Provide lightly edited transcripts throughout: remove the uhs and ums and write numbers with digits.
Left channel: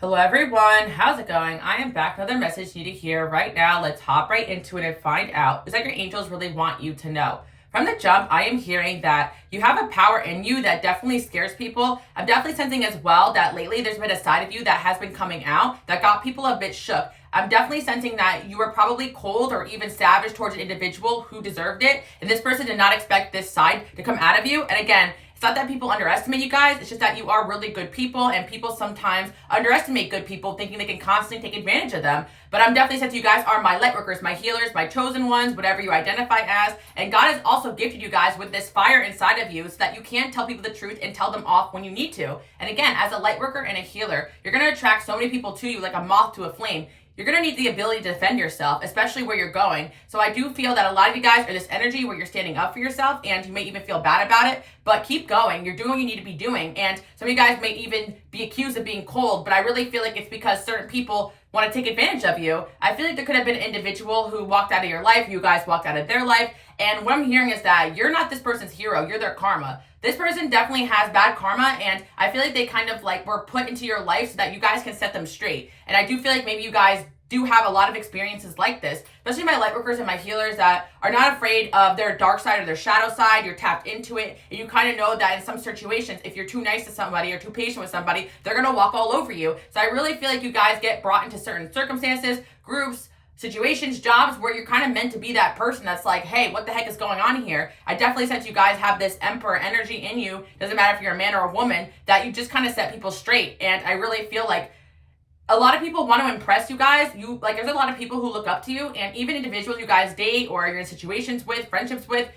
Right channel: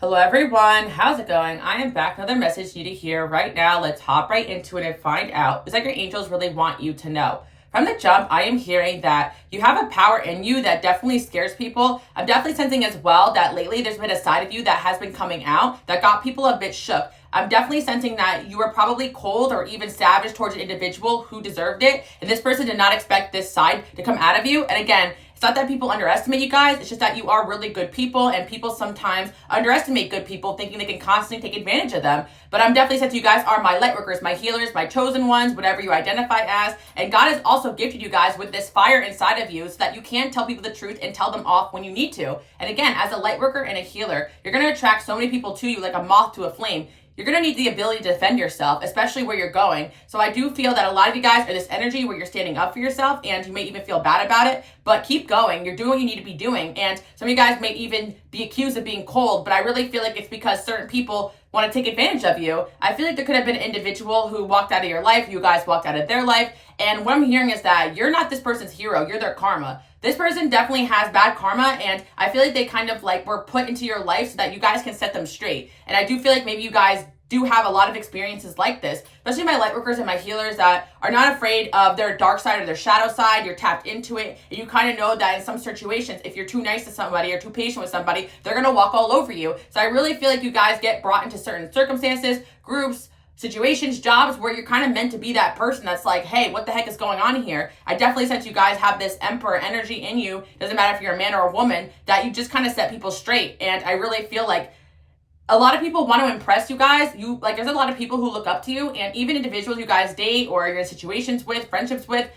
Hello everyone, how's it going? I am back with another message you need to hear right now. Let's hop right into it and find out. It's like your angels really want you to know. From the jump, I am hearing that you have a power in you that definitely scares people. I'm definitely sensing as well that lately there's been a side of you that has been coming out that got people a bit shook. I'm definitely sensing that you were probably cold or even savage towards an individual who deserved it. And this person did not expect this side to come out of you. And again, it's not that people underestimate you guys. It's just that you are really good people, and people sometimes underestimate good people, thinking they can constantly take advantage of them. But I'm definitely saying you guys are my light workers, my healers, my chosen ones, whatever you identify as. And God has also gifted you guys with this fire inside of you so that you can tell people the truth and tell them off when you need to. And again, as a light worker and a healer, you're going to attract so many people to you like a moth to a flame. You're going to need the ability to defend yourself, especially where you're going. So I do feel that a lot of you guys are this energy where you're standing up for yourself, and you may even feel bad about it, but keep going. You're doing what you need to be doing. And some of you guys may even be accused of being cold, but I really feel like it's because certain people want to take advantage of you. I feel like there could have been an individual who walked out of your life, you guys walked out of their life, and what I'm hearing is that you're not this person's hero, you're their karma. This person definitely has bad karma, and I feel like they kind of like were put into your life so that you guys can set them straight. And I do feel like maybe you guys do have a lot of experiences like this, especially my light workers and my healers that are not afraid of their dark side or their shadow side. You're tapped into it, and you kind of know that in some situations, if you're too nice to somebody or too patient with somebody, they're going to walk all over you. So I really feel like you guys get brought into certain circumstances, groups, situations, jobs where you're kind of meant to be that person that's like, hey, what the heck is going on here? I definitely sense you guys have this emperor energy in you. Doesn't matter if you're a man or a woman, that you just kind of set people straight. And I really feel like a lot of people want to impress you guys. There's a lot of people who look up to you, and even individuals you guys date or you're in situations with, friendships with,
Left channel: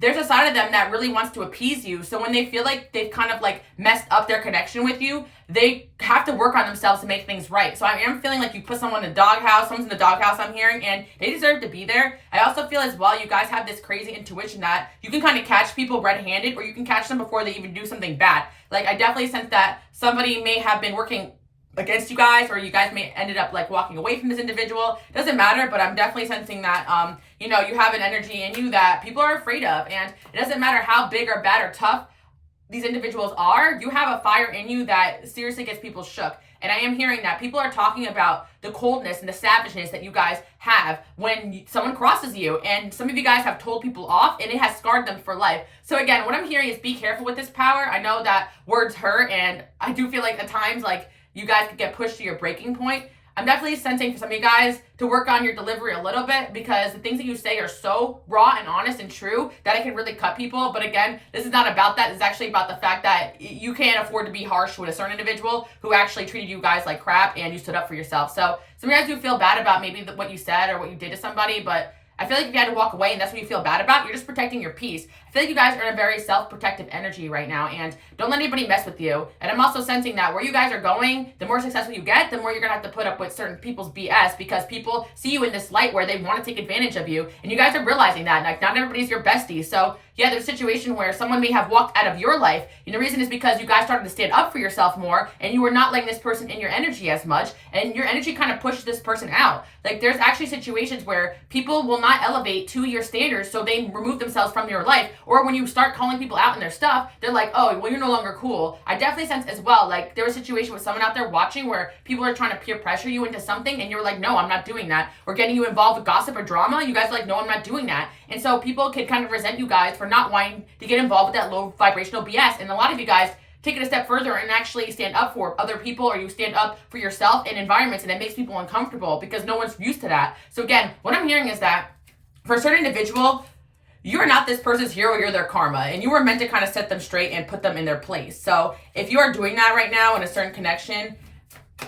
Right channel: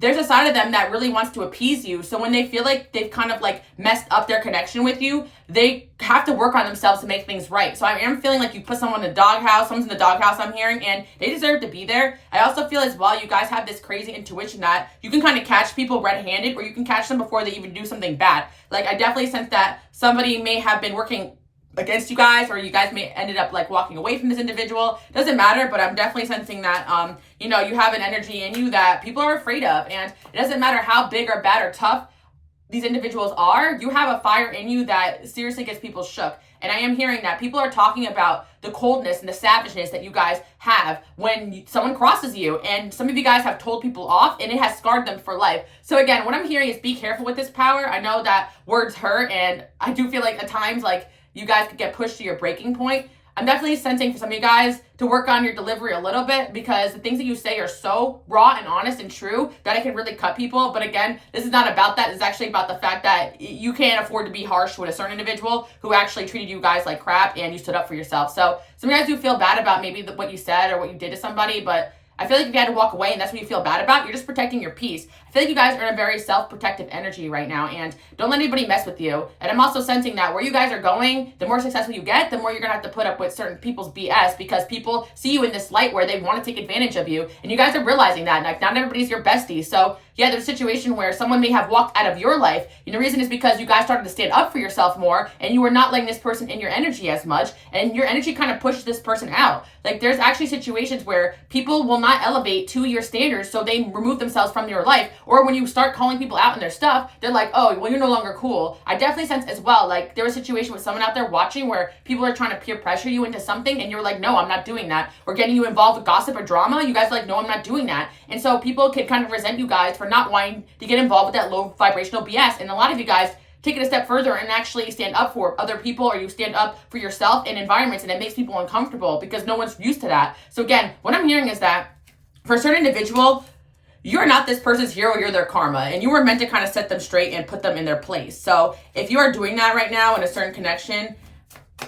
there's a side of them that really wants to appease you. So when they feel like they've kind of like messed up their connection with you, they have to work on themselves to make things right. So I am feeling like you put someone in the doghouse, someone's in the doghouse, I'm hearing, and they deserve to be there. I also feel as well, you guys have this crazy intuition that you can kind of catch people red-handed, or you can catch them before they even do something bad. Like, I definitely sense that somebody may have been working against you guys, or you guys may ended up like walking away from this individual. Doesn't matter, but I'm definitely sensing that you have an energy in you that people are afraid of, and it doesn't matter how big or bad or tough these individuals are. You have a fire in you that seriously gets people shook. And I am hearing that people are talking about the coldness and the savageness that you guys have when someone crosses you. And some of you guys have told people off, and it has scarred them for life. So again, what I'm hearing is be careful with this power. I know that words hurt, and I do feel like at times like you guys could get pushed to your breaking point. I'm definitely sensing for some of you guys to work on your delivery a little bit, because the things that you say are so raw and honest and true that it can really cut people. But again, this is not about that. It's actually about the fact that you can't afford to be harsh with a certain individual who actually treated you guys like crap and you stood up for yourself. So some of you guys do feel bad about maybe what you said or what you did to somebody, but I feel like if you had to walk away and that's what you feel bad about, you're just protecting your peace. I feel like you guys are in a very self-protective energy right now, and don't let anybody mess with you. And I'm also sensing that where you guys are going, the more successful you get, the more you're going to have to put up with certain people's BS, because people see you in this light where they want to take advantage of you, and you guys are realizing that. Like, not everybody's your bestie. So yeah, there's a situation where someone may have walked out of your life, and the reason is because you guys started to stand up for yourself more, and you were not letting this person in your energy as much, and your energy kind of pushed this person out. Like, there's actually situations where people will not elevate to your standards, so they remove themselves from your life. Or when you start calling people out on their stuff, they're like, oh, well, you're no longer cool. I definitely sense as well, like, there was a situation with someone out there watching where people are trying to peer pressure you into something, and you're like, no, I'm not doing that. Or getting you involved with gossip or drama, you guys are like, no, I'm not doing that. And so people can kind of resent you guys for not wanting to get involved with that low vibrational BS. And a lot of you guys take it a step further and actually stand up for other people, or you stand up for yourself in environments, and it makes people uncomfortable because no one's used to that. So again, what I'm hearing is that for a certain individual, you're not this person's hero, you're their karma, and you were meant to kind of set them straight and put them in their place. So if you are doing that right now in a certain connection,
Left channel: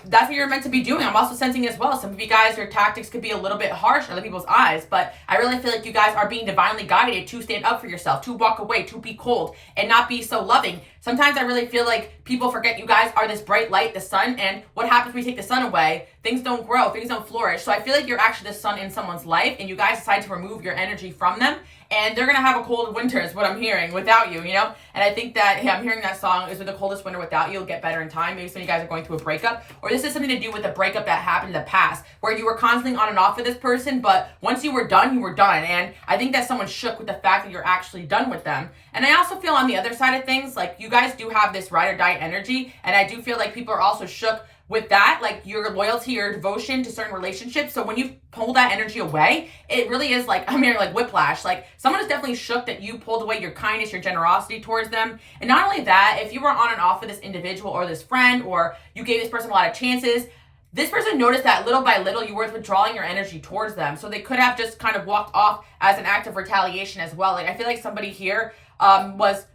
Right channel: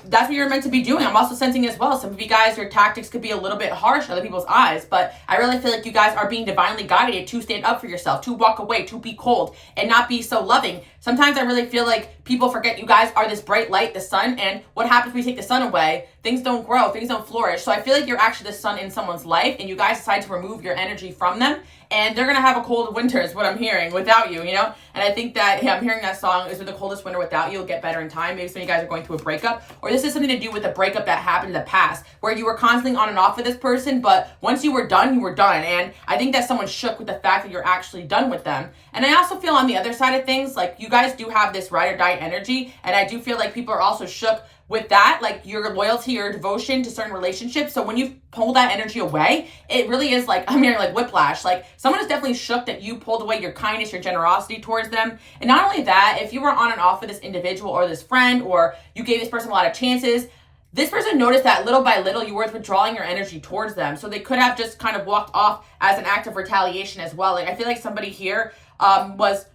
that's what you're meant to be doing. I'm also sensing as well, some of you guys, your tactics could be a little bit harsh in other people's eyes, but I really feel like you guys are being divinely guided to stand up for yourself, to walk away, to be cold, and not be so loving. Sometimes I really feel like people forget you guys are this bright light, the sun, and what happens when you take the sun away? Things don't grow, things don't flourish. So I feel like you're actually the sun in someone's life, and you guys decide to remove your energy from them, and they're gonna have a cold winter is what I'm hearing without you, And I think that, hey, I'm hearing that song is with the coldest winter without you, it'll get better in time. Maybe some of you guys are going through a breakup, or this is something to do with a breakup that happened in the past, where you were constantly on and off with this person, but once you were done, you were done. And I think that someone's shook with the fact that you're actually done with them. And I also feel on the other side of things, like, you guys do have this ride or die energy, and I do feel like people are also shook with that, like your loyalty or devotion to certain relationships. So when you pull that energy away, it really is like, I'm hearing like whiplash. Like someone is definitely shook that you pulled away your kindness, your generosity towards them. And not only that, if you were on and off with this individual or this friend, or you gave this person a lot of chances, this person noticed that little by little you were withdrawing your energy towards them. So they could have just kind of walked off as an act of retaliation as well. Like I feel like somebody here was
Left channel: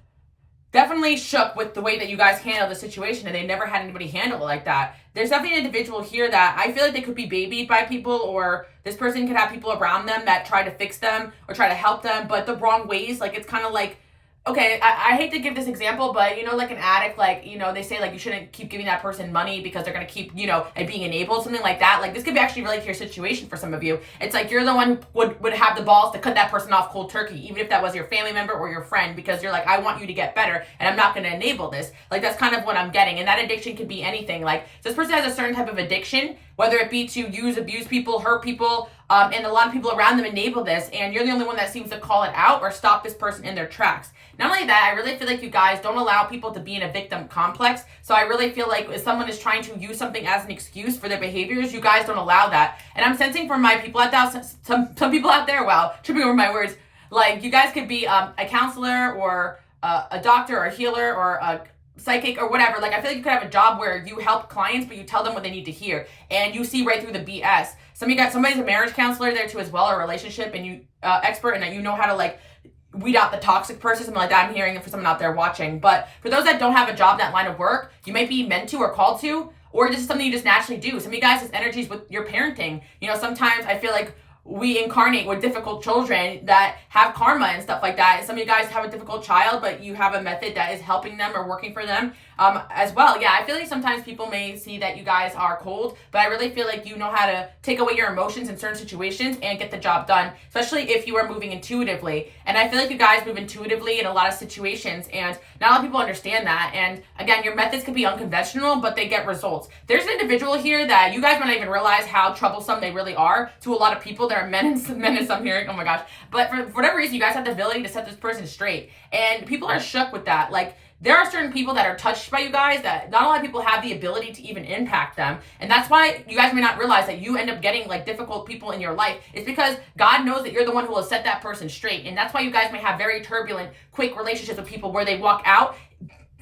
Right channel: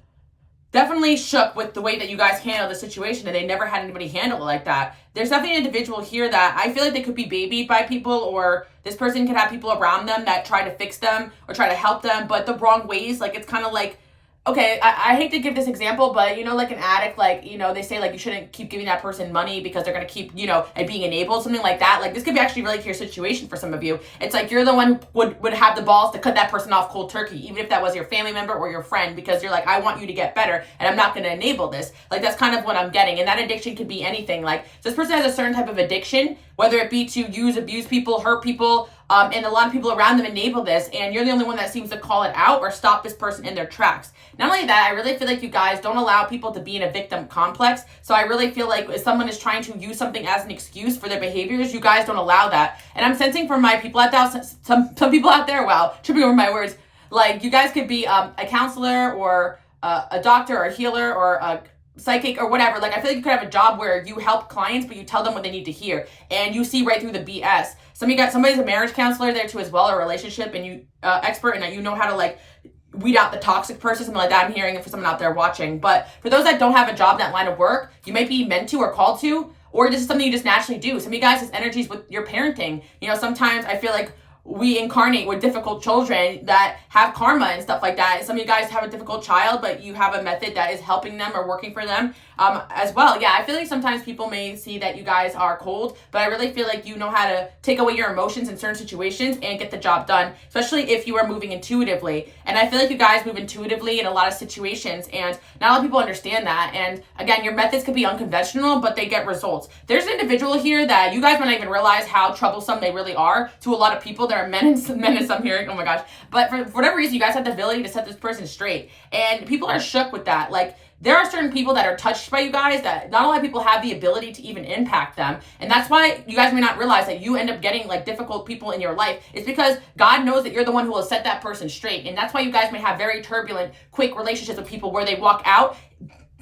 definitely shook with the way that you guys handled the situation, and they never had anybody handle it like that. There's definitely an individual here that I feel like they could be babied by people, or this person could have people around them that try to fix them or try to help them, but the wrong ways. Like it's kind of like, okay, I hate to give this example, but you know, like an addict, like, you know, they say like you shouldn't keep giving that person money because they're going to keep, you know, and being enabled, something like that. Like this could be actually relate to your situation for some of you. It's like you're the one who would have the balls to cut that person off cold turkey, even if that was your family member or your friend, because you're like, I want you to get better and I'm not going to enable this. Like that's kind of what I'm getting. And that addiction could be anything. Like this person has a certain type of addiction, whether it be to use, abuse people, hurt people, and a lot of people around them enable this, and you're the only one that seems to call it out or stop this person in their tracks. Not only that, I really feel like you guys don't allow people to be in a victim complex. So I really feel like if someone is trying to use something as an excuse for their behaviors, you guys don't allow that. And I'm sensing from my people out there, some people out there, wow, tripping over my words, like you guys could be a counselor or a doctor or a healer or a psychic or whatever. Like I feel like you could have a job where you help clients, but you tell them what they need to hear, and you see right through the BS. Somebody's a marriage counselor there too as well, or a relationship and you expert, and that you know how to like weed out the toxic person, something like that. I'm hearing it for someone out there watching. But for those that don't have a job in that line of work, you might be meant to or called to, or this is something you just naturally do. Some of you guys, this energy is with your parenting. You know, sometimes I feel like we incarnate with difficult children that have karma and stuff like that. And some of you guys have a difficult child, but you have a method that is helping them or working for them as well. Yeah, I feel like sometimes people may see that you guys are cold, but I really feel like you know how to take away your emotions in certain situations and get the job done, especially if you are moving intuitively. And I feel like you guys move intuitively in a lot of situations, and not a lot of people understand that. And again, your methods could be unconventional, but they get results. There's an individual here that you guys might not even realize how troublesome they really are to a lot of people that are men and some here. Oh my gosh. But for whatever reason, you guys have the ability to set this person straight. And people are shook with that. Like, there are certain people that are touched by you guys that not a lot of people have the ability to even impact them. And that's why you guys may not realize that you end up getting like difficult people in your life. It's because God knows that you're the one who will set that person straight. And that's why you guys may have very turbulent, quick relationships with people where they walk out.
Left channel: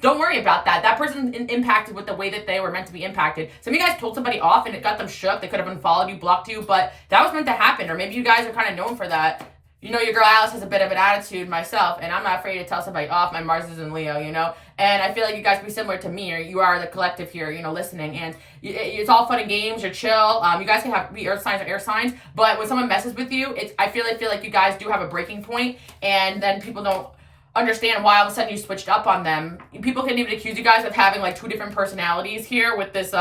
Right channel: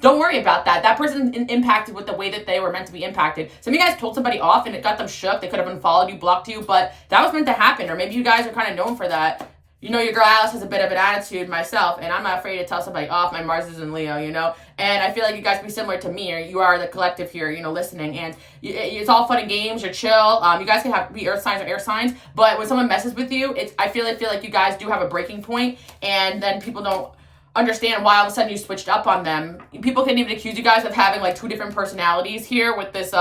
Don't worry about that. That person impacted with the way that they were meant to be impacted. Some of you guys told somebody off and it got them shook. They could have unfollowed you, blocked you, but that was meant to happen. Or maybe you guys are kind of known for that. You know, your girl Alice has a bit of an attitude myself, and I'm not afraid to tell somebody off. My Mars is in Leo, you know? And I feel like you guys can be similar to me, or you are the collective here, you know, listening. And it's all fun and games, you're chill. You guys can be earth signs or air signs, but when someone messes with you, I feel like you guys do have a breaking point, and then people don't understand why all of a sudden you switched up on them. People can even accuse you guys of having like two different personalities here with this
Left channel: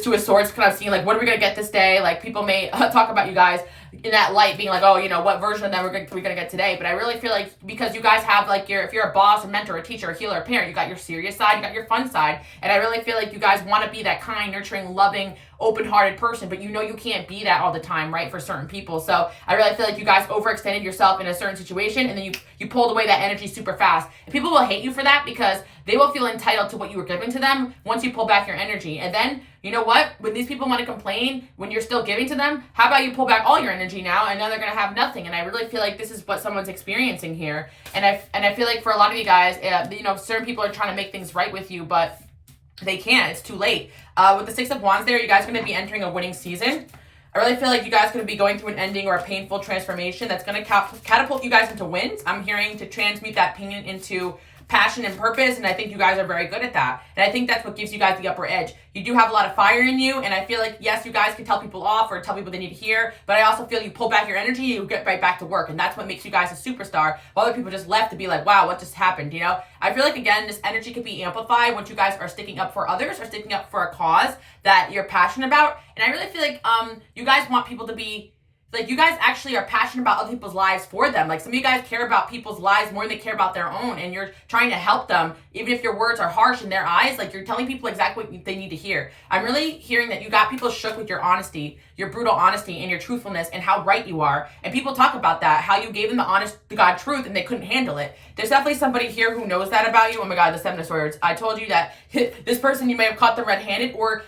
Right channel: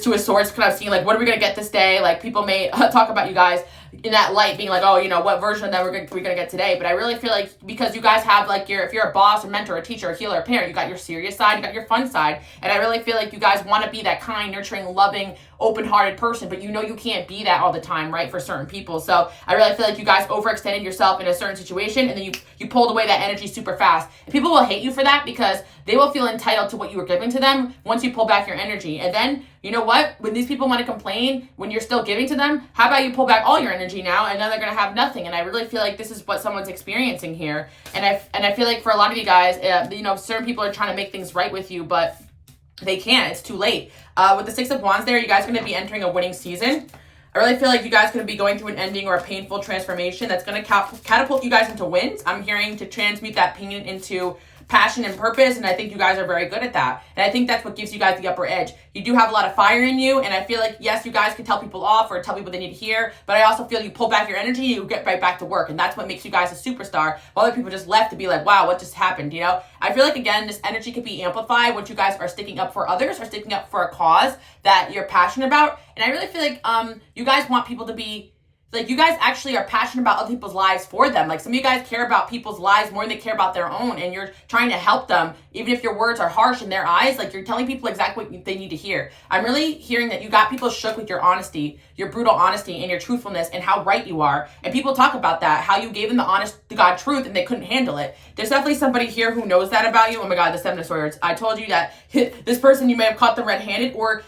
Two of Swords, kind of seeing like, what are we gonna get this day? Like people may talk about you guys in that light, being like, oh, you know, what version of them we're gonna get today? But I really feel like because you guys have like if you're a boss, a mentor, a teacher, a healer, a parent, you got your serious side, you got your fun side, and I really feel like you guys want to be that kind, nurturing, loving, open-hearted person, but you know you can't be that all the time, right, for certain people. So I really feel like you guys overextended yourself in a certain situation, and then you pulled away that energy super fast. And people will hate you for that because they will feel entitled to what you were giving to them once you pull back your energy. And then, you know what? When these people want to complain, when you're still giving to them, how about you pull back all your energy now, and then they're going to have nothing. And I really feel like this is what someone's experiencing here. And I feel like for a lot of you guys, you know, certain people are trying to make things right with you, but they can't. It's too late. With the Six of Wands there, you guys are going to be entering a winning season. I really feel like you guys could be going through an ending or a painful transformation that's going to catapult you guys into wins. I'm hearing to transmute that pain into passion and purpose, and I think you guys are very good at that. And I think that's what gives you guys the upper edge. You do have a lot of fire in you, and I feel like, yes, you guys can tell people off or tell people they need to hear, but I also feel you pull back your energy, you get right back to work, and that's what makes you guys a superstar, while other people just left to be like, wow, what just happened, you know? I feel like, again, this energy could be amplified once you guys are sticking up for others or sticking up for a cause that you're passionate about. And I really feel like you guys want people to be like you guys actually are passionate about other people's lives for them. Like some of you guys care about people's lives more than they care about their own, and you're trying to help them, even if your words are harsh in their eyes. Like you're telling people exactly what they need to hear. I'm really hearing that you got people shook with your honesty, your brutal honesty, and your truthfulness, and how right you are. And people talk about that, how you gave them the honest to God truth, and they couldn't handle it. There's definitely somebody here who knows that about you. Oh my God, the Seven of Swords. I told you that this person, you may have caught them red-handed, or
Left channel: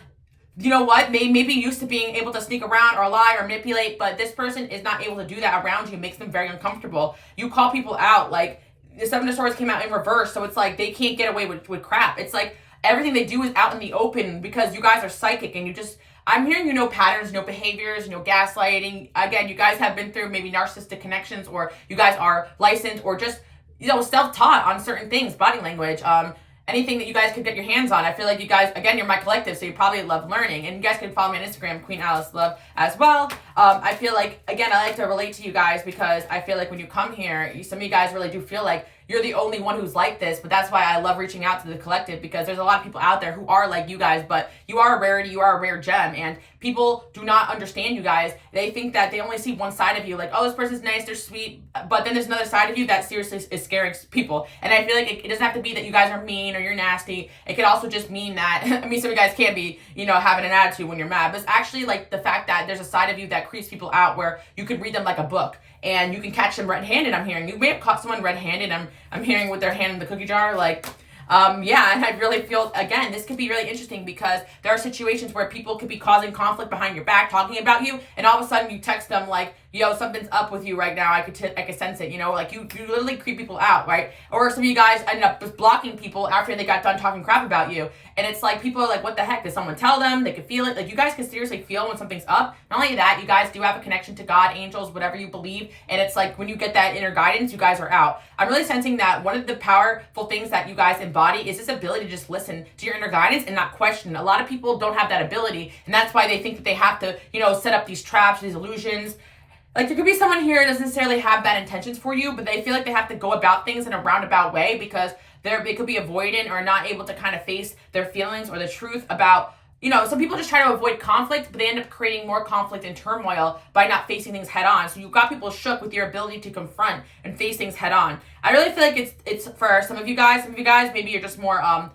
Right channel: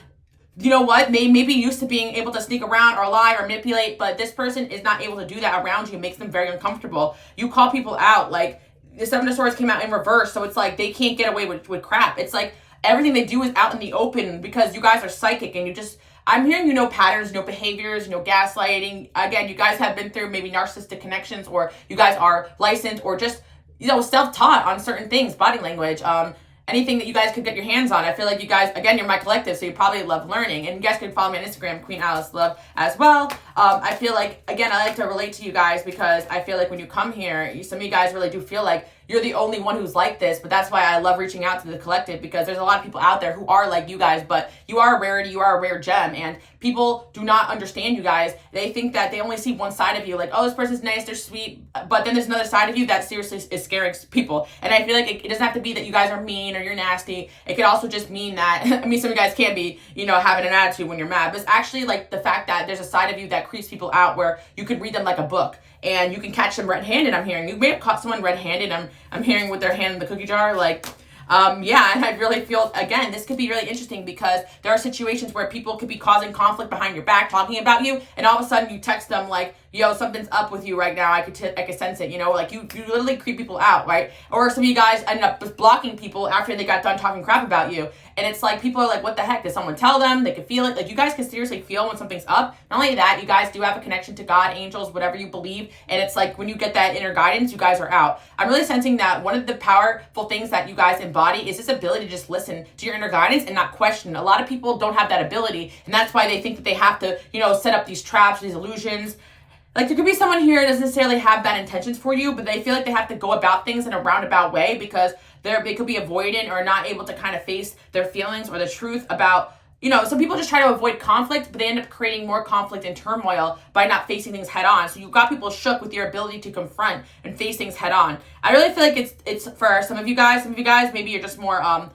you know what, maybe used to being able to sneak around or lie or manipulate, but this person is not able to do that around you. It makes them very uncomfortable. You call people out. Like the Seven of Swords came out in reverse, so it's like they can't get away with crap. It's like everything they do is out in the open because you guys are psychic, and I'm hearing patterns, behaviors, gaslighting. Again, you guys have been through maybe narcissistic connections, or you guys are licensed, or just self-taught on certain things, body language, anything that you guys could get your hands on. I feel like you guys, again, you're my collective, so you probably love learning. And you guys can follow me on Instagram, Queen Alice Love, as well. I feel like, again, I like to relate to you guys because I feel like when you come here, some of you guys really do feel like you're the only one who's like this. But that's why I love reaching out to the collective, because there's a lot of people out there who are like you guys, but you are a rarity, you are a rare gem, and people do not understand you guys. They think that they only see one side of you, like, oh, this person's nice, they're sweet, but then there's another side of you that seriously is scaring people. And I feel like it doesn't have to be that you guys are mean or you're nasty. It could also just mean that, I mean, some of you guys can be, having an attitude when you're mad, but it's actually like the fact that there's a side of you that creeps people out where you could read them like a book. And you can catch them red-handed, I'm hearing. You may have caught someone red-handed, I'm hearing, with their hand in the cookie jar, like, yeah, and I really feel, again, this could be really interesting because there are situations where people could be causing conflict behind your back, talking about you, and all of a sudden you text them like, yo, something's up with you right now, I could sense it, like you literally creep people out, right? Or some of you guys end up blocking people after they got done talking crap about you. And it's like, people are like, what the heck? Did someone tell them? They could feel it. Like, you guys can seriously feel when something's up. Not only that, you guys do have a connection to God, angels, whatever you believe. And it's like, when you get that inner guidance, you guys are out. I'm really sensing that one of the powerful things that you guys embody is this ability to just listen to your inner guidance and not question. A lot of people don't have that ability. And that's why they think that they have to, set up these traps, these illusions. Like, there could be someone here that doesn't necessarily have bad intentions for you, but they feel like they have to go about things in a roundabout way because they could be avoidant or not able to kind of face their feelings or the truth about, some people just try to avoid conflict, but they end up creating more conflict and turmoil by not facing things head on. So you've got people shook with your ability to confront and face things head on. I really feel like it's for some of you guys, maybe you're just more, I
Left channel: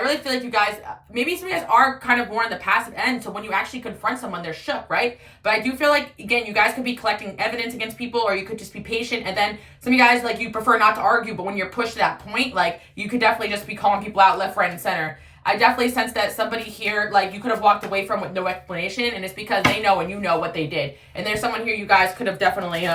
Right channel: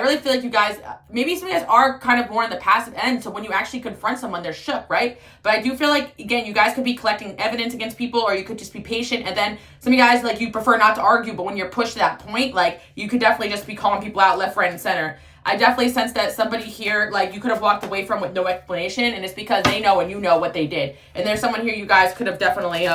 really feel like you guys, maybe some of you guys are kind of more on the passive end, so when you actually confront someone, they're shook, right? But I do feel like, again, you guys could be collecting evidence against people, or you could just be patient, and then some of you guys, like, you prefer not to argue, but when you're pushed to that point, like, you could definitely just be calling people out left, right, and center. I definitely sense that somebody here, like, you could have walked away from with no explanation, and it's because they know and you know what they did. And there's someone here you guys could have definitely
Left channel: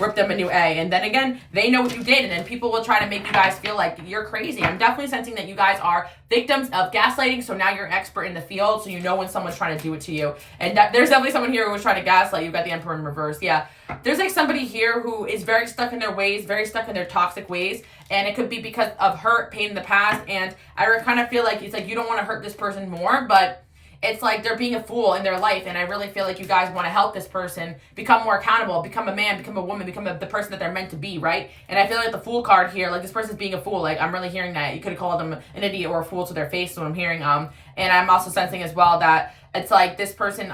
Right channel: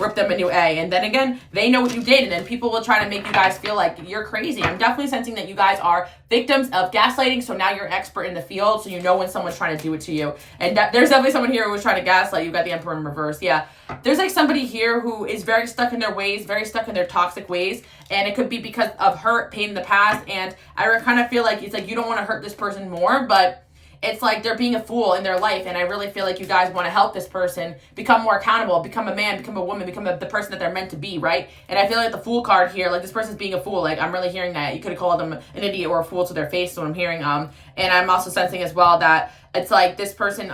ripped them a new A. And then again, they know what you did, and then people will try to make you guys feel like you're crazy. I'm definitely sensing that you guys are victims of gaslighting, so now you're expert in the field, so you know when someone's trying to do it to you. And there's definitely someone here who was trying to gaslight you. Got the Emperor in reverse. Yeah. There's like somebody here who is very stuck in their ways, very stuck in their toxic ways, and it could be because of hurt, pain in the past, and I kind of feel like it's like you don't want to hurt this person more, but it's like they're being a fool in their life, and I really feel like you guys want to help this person become more accountable, become a man, become a woman, become the person that they're meant to be, right? And I feel like the Fool card here, like this person's being a fool, like I'm really hearing that. You could have called them an idiot or a fool to their face, so I'm hearing, and I'm also sensing as well that it's like this person,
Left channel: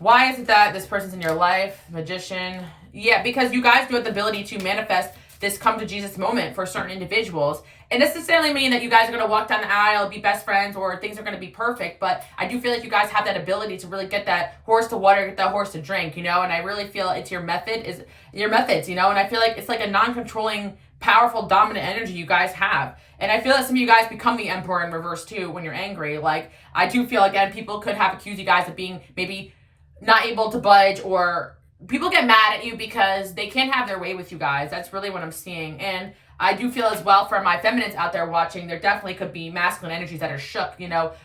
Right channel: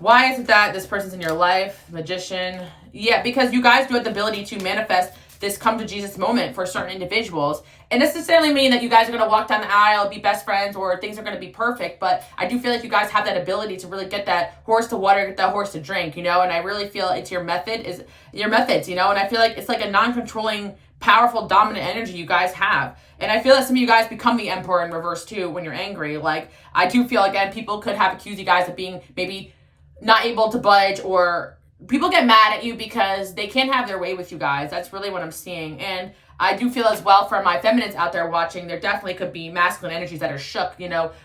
why is it that this person's in your life? Magician. Yeah, because you guys do have the ability to manifest this come to Jesus moment for certain individuals. And this necessarily mean that you guys are going to walk down the aisle, be best friends, or things are going to be perfect. But I do feel like you guys have that ability to really get that horse to water, get that horse to drink, And I really feel it's your methods, And I feel like it's like a non-controlling, powerful, dominant energy you guys have. And I feel that some of you guys become the Emperor in reverse too when you're angry. Like, I do feel, again, people could have accused you guys of being maybe not able to budge, or people get mad at you because they can't have their way with you guys. That's really what I'm seeing. And I do feel as well, for my feminines out there watching, there definitely could be masculine energies that are shook,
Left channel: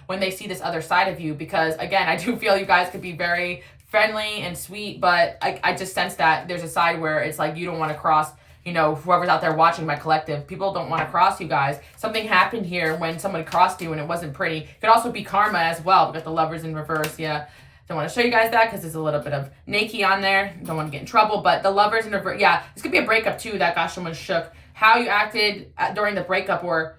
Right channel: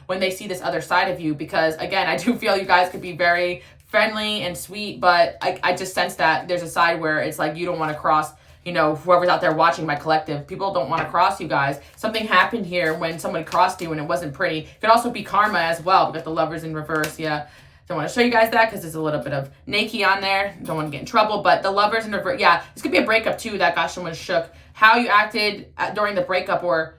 when they see this other side of you. Because, again, I do feel you guys could be very friendly and sweet, but I just sense that there's a side where it's like you don't want to cross, whoever's out there watching my collective. People don't want to cross you guys. Something happened here when someone crossed you and it wasn't pretty. It could also be karma as well, because the Lover's in reverse, yeah. Don't want to show you guys that because there's a little bit of naked on there. Don't want to get in trouble, but the Lover's in reverse. Yeah, this could be a breakup too that got someone shook. How you acted during the breakup, or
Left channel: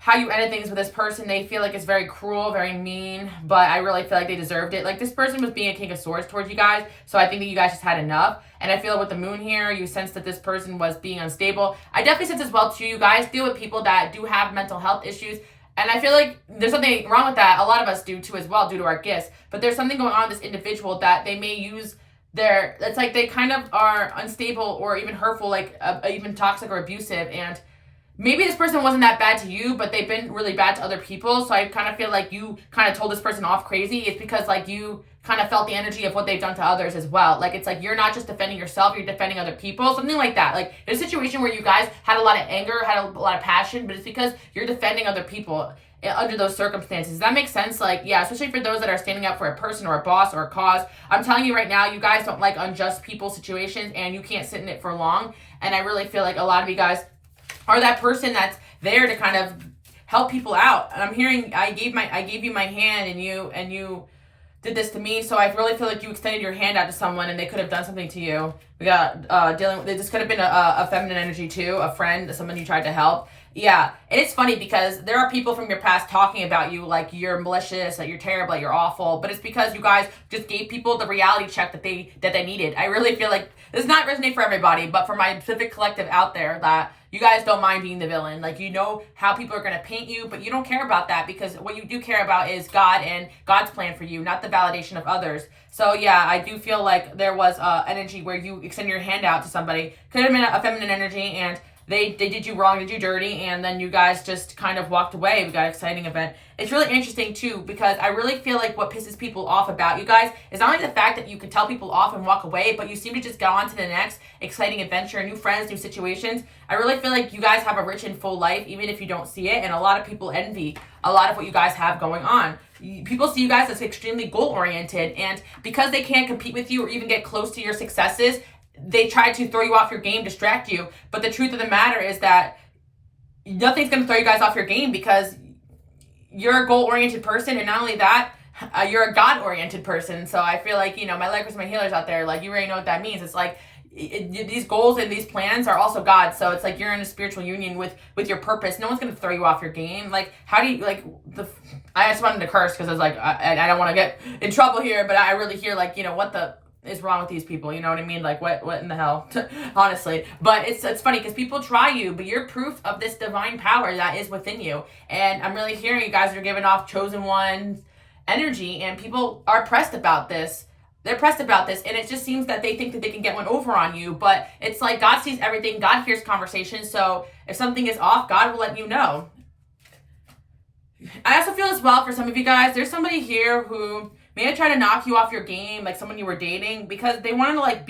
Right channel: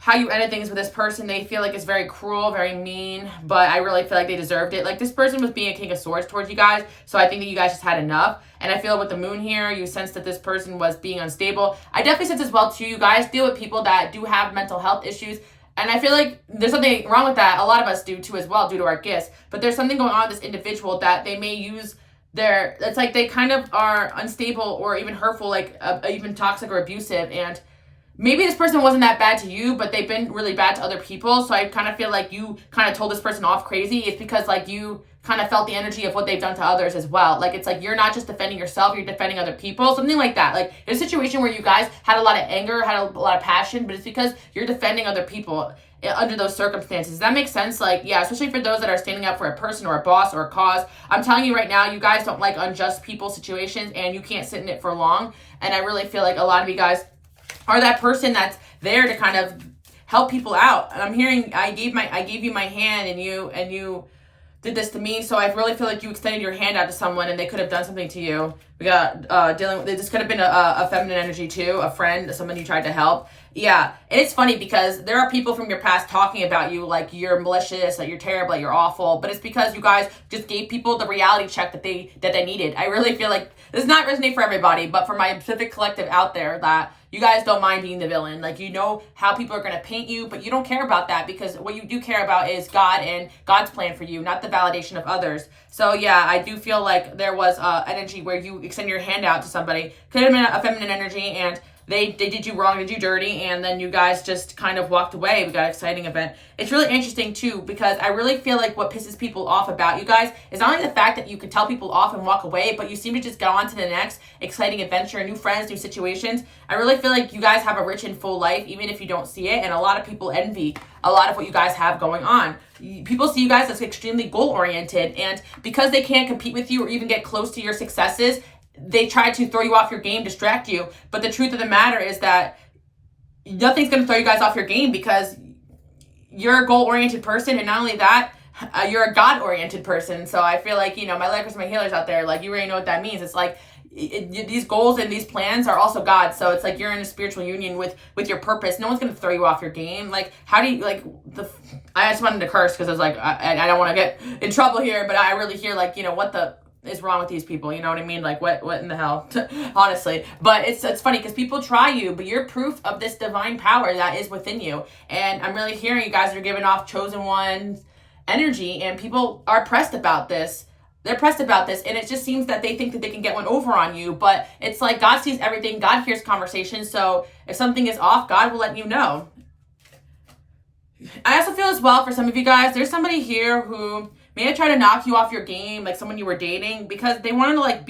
how you ended things with this person. They feel like it's very cruel, very mean, but I really feel like they deserved it. Like, this person was being a King of Swords towards you guys, so I think that you guys just had enough. And I feel with the moon here, you sense that this person was being unstable. I definitely sense as well too, you guys deal with people that do have mental health issues. And I feel like there's something wrong with that. A lot of us do too as well, due to our gifts. But there's something going on with this individual that they may use it's like they kind of are unstable or even hurtful, like even toxic or abusive. And maybe this person wasn't that bad to you, but they've been really bad to other people. So I kind of feel like you kind of told this person off crazy. It's because like you kind of felt the energy of what they've done to others as well. Like, it's like you're not just defending yourself, you're defending other people, something like that. Like, it's a situation where you guys had a lot of anger, had a lot of passion, but it's because you're defending other people under those circumstances. Does that make sense? Like, yeah, especially for those that are standing up for a person or a boss or a cause. I'm telling you right now, you guys don't like unjust people situations, and you can't sit in it for long. And I really feel like a lot of you guys are that person that's there to kind of help people out. And I'm hearing I gave you my hand, and you did this to me. So I really feel like you extended your hand out to someone and they could have done something to you. We got dealing with this. Could have been a feminine energy too, a friend, someone you tried to help. Yeah, and it's funny because there are people from your past talking about you like you're malicious, that you're terrible, that you're awful, but it's because you guys just gave people the reality check that they needed. I really feel like this does not resonate for everybody, but for my specific collective out there, that you guys don't mind being the villain. Like, you know how people are going to paint you, but you don't care about that, because what you do care about is God and God's plan for you, not the validation of others. So yeah, I do feel like there was energy where you extend your hand out to somebody. Could have been a feminine energy, and they did you wrong, did you dirty, and then you guys just kind of walked away. We got an exciting event. It's really interesting too, because I really feel like what pisses people off about you guys is not only the fact that you could tell people off and walk away, but you seem to just go on to the next exciting adventure, new friends, new situations. I really feel like you guys have a rich and full life, even if you don't see it, and a lot of people envy a lot of what you guys have going on. People see you guys as extremely goal-oriented, and because they can't compete with you or even get close to your successes, they try to throw you off your game, distract you. But the truth of the matter is that nothing's going to throw you guys off your game, because you're a goal-oriented person, and not only that, you're a God-oriented person. So I feel like, my likers, my healers out there, like, you already know what that means. It's like these goals and these plans are also God. So it's like you're in a spiritual union with your purpose. No one's going to throw you off your game. Like, how do you, like, I just wanted to curse because I was like, I don't want to get in trouble here, but I really hear, like, what the is wrong with these people, you know what I mean? Like, what in the hell? Honestly. But it's funny because people try you, but you're proof of this divine power that is within you. And I'm really hearing you guys are giving off chosen one's energy, and people are pressed about this. They're pressed about this, and it just seems that they think that they can get one over on you, but it's like God sees everything. God hears conversations, so if something is off, God will let you know. I also feel as well for some of you guys, there's somebody here who may have tried to knock you off your game, like someone you were dating, because they wanted to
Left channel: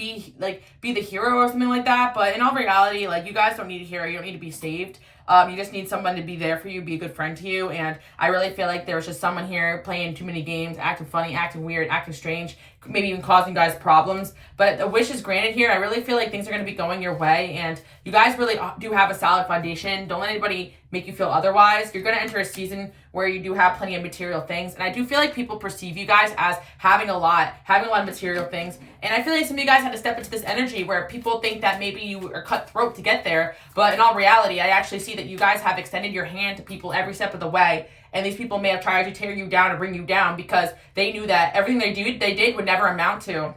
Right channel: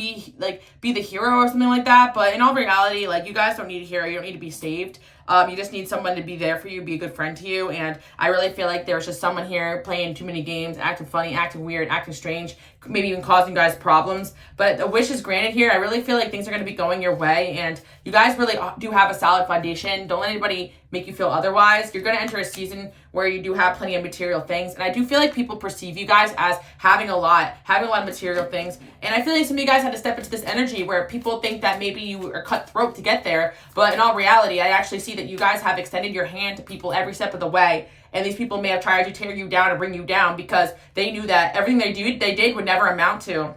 be the hero or something like that. But in all reality, like, you guys don't need a hero. You don't need to be saved. You just need someone to be there for you, be a good friend to you. And I really feel like there was just someone here playing too many games, acting funny, acting weird, acting strange, maybe even causing you guys problems. But a wish is granted here. I really feel like things are going to be going your way, and you guys really do have a solid foundation. Don't let anybody make you feel otherwise. You're going to enter a season where you do have plenty of material things, and I do feel like people perceive you guys as having a lot of material things. And I feel like some of you guys had to step into this energy where people think that maybe you are cutthroat to get there, but in all reality, I actually see that you guys have extended your hand to people every step of the way. And these people may have tried to tear you down and bring you down because they knew that everything they did would never amount to,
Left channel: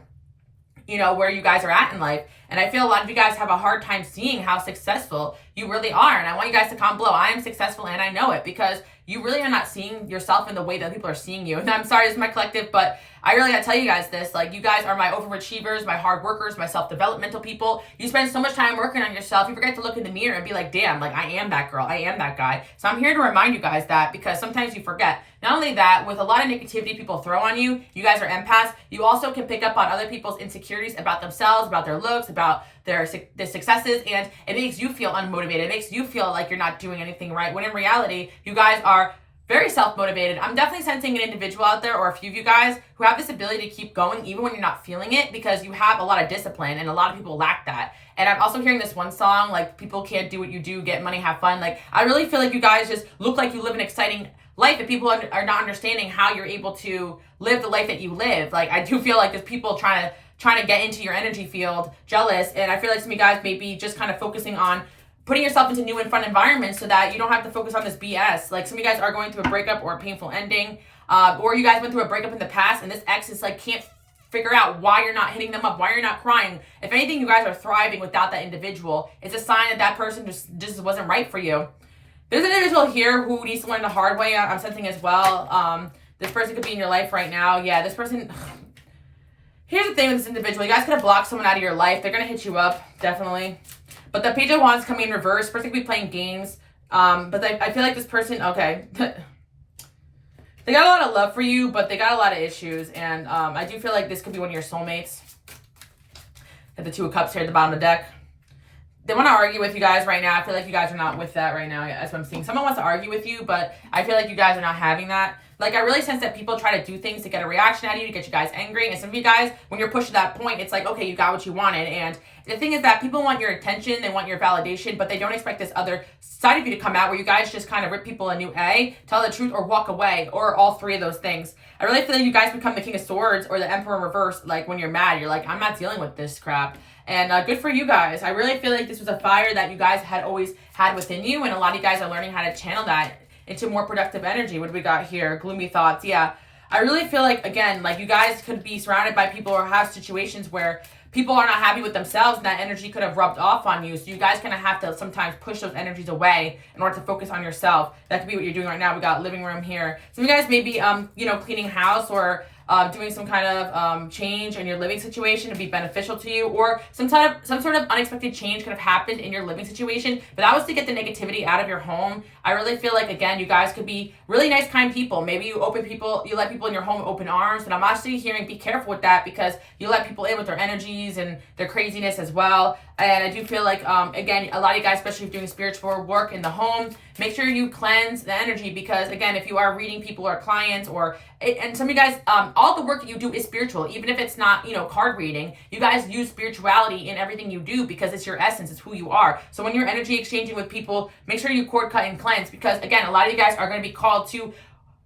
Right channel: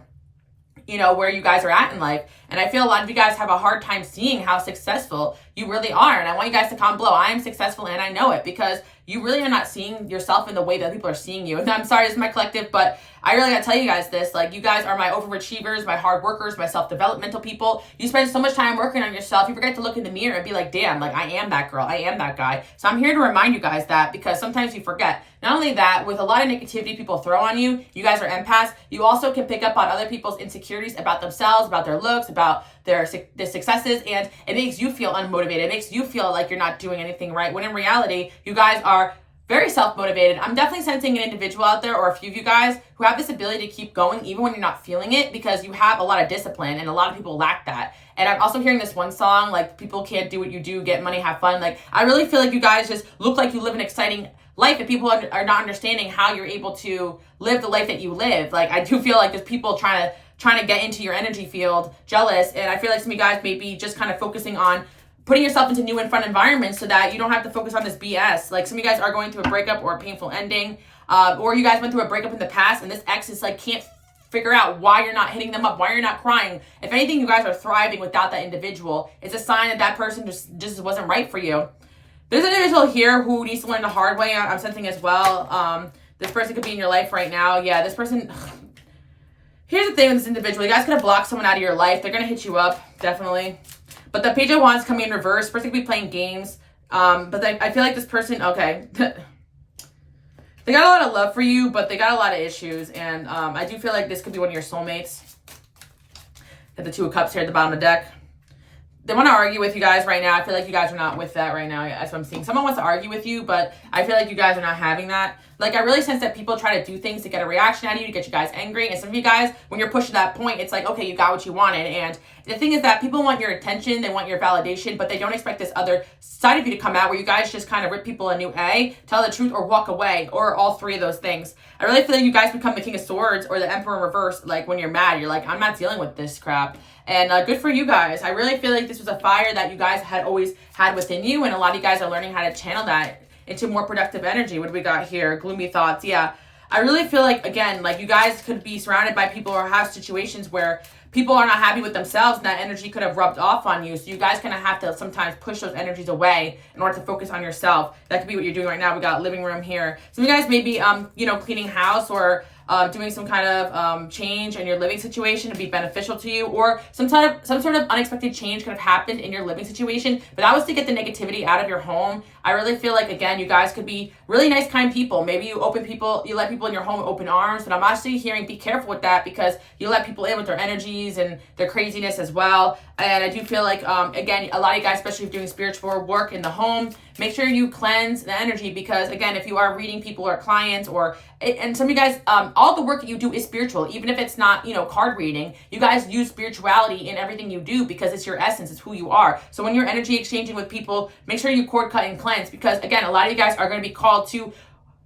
where you guys are at in life. And I feel a lot of you guys have a hard time seeing how successful you really are. And I want you guys to comment below. I am successful, and I know it, because you really are not seeing yourself in the way that people are seeing you. And I'm sorry, this is my collective, but I really gotta tell you guys this. Like, you guys are my overachievers, my hard workers, my self-developmental people. You spend so much time working on yourself, you forget to look in the mirror and be like, damn, like, I am that girl, I am that guy. So I'm here to remind you guys that, because sometimes you forget. Not only that, with a lot of negativity people throw on you, you guys are empaths, you also can pick up on other people's insecurities about themselves, about their looks, about their successes, and it makes you feel unmotivated. It makes you feel like you're not doing anything right, when in reality, you guys are very self-motivated. I'm definitely sensing an individual out there, or a few of you guys, who have this ability to keep going even when you're not feeling it, because you have a lot of discipline, and a lot of people lack that. And I'm also hearing this one song, like, people can't do what you do, get money, have fun. Like, I really feel like you guys just look like you live an exciting life, and people are not understanding how you're able to live the life that you live. Like, I do feel like there's people trying to get into your energy field, jealous, and I feel like some of you guys may be just kind of focusing on putting yourself into new and fun environments so that you don't have to focus on this BS. Like some of you guys are going through a breakup or a painful ending, or you guys went through a breakup in the past and this ex is like can't figure out why you're not hitting them up, why you're not crying. If anything, you guys are thriving without that individual. It's a sign that that person just wasn't right for you. There's an individual here who needs to learn the hard way. I'm sensing as well. This person could be in your life right now. Yeah, this person... Here's the thing with this individual. You guys could have blocked someone out of your life. They're going to hit you up, definitely. But the Page of Wands coming in reverse. Person could be playing games. But I feel like this person, okay. They got a lot of love for you, but they got a lot of issues. And I do feel like this could be one of your soulmates. Have the Two of Cups here at the bottom of the deck. They want to argue with you guys right now. I feel like you guys are not with that right now. That's what I'm seeing. Someone wants to argue with you, but I feel like you guys are not having that. Like, I really sense that people try to do things to get a reaction out of you, to get you guys angry. And some of you guys, when you're pushed to that point, it's like, okay, you got what you wanted. And the thing is that people want your attention, they want your validation, but they don't expect this other side of you to come out where you guys just kind of rip people a new A, tell the truth, or walk away, or all three of those things. I really feel like you guys become the King of Swords or the Emperor in reverse. Like, when you're mad, you're like, I'm not dealing with this crap. And good for you guys. I really feel like this was a fire that you guys had always had within you, and a lot of you guys are learning how to channel that into more productive energy. What do we got here? Gloomy thoughts. Yeah. I really feel like, again, like you guys could be surrounded by people or have situations where people are not happy with themselves and that energy could have rubbed off on you. So you guys kind of have to sometimes push those energies away in order to focus on yourself. That could be what you're doing right now. We got living room here. Some of you guys may be, cleaning house or doing some kind of change in your living situation to be beneficial to you, or some sort of unexpected change could have happened in your living situation, but that was to get the negativity out of your home. I really feel like, again, you guys could be really nice, kind people. Maybe you let people in your home open arms, but I'm actually hearing be careful with that because you let people in with their energies and their craziness as well. And I do feel like, again, a lot of you guys, especially if you're doing spiritual work in the home, make sure you cleanse the energy because, again, if you are reading people or clients and some of you guys, all the work that you do is spiritual, even if it's not, card reading. You guys use spirituality in everything you do because it's your essence, it's who you are. So when you're energy exchanging with people, make sure you cord cut and cleanse because, again, a lot of you guys are going to be called to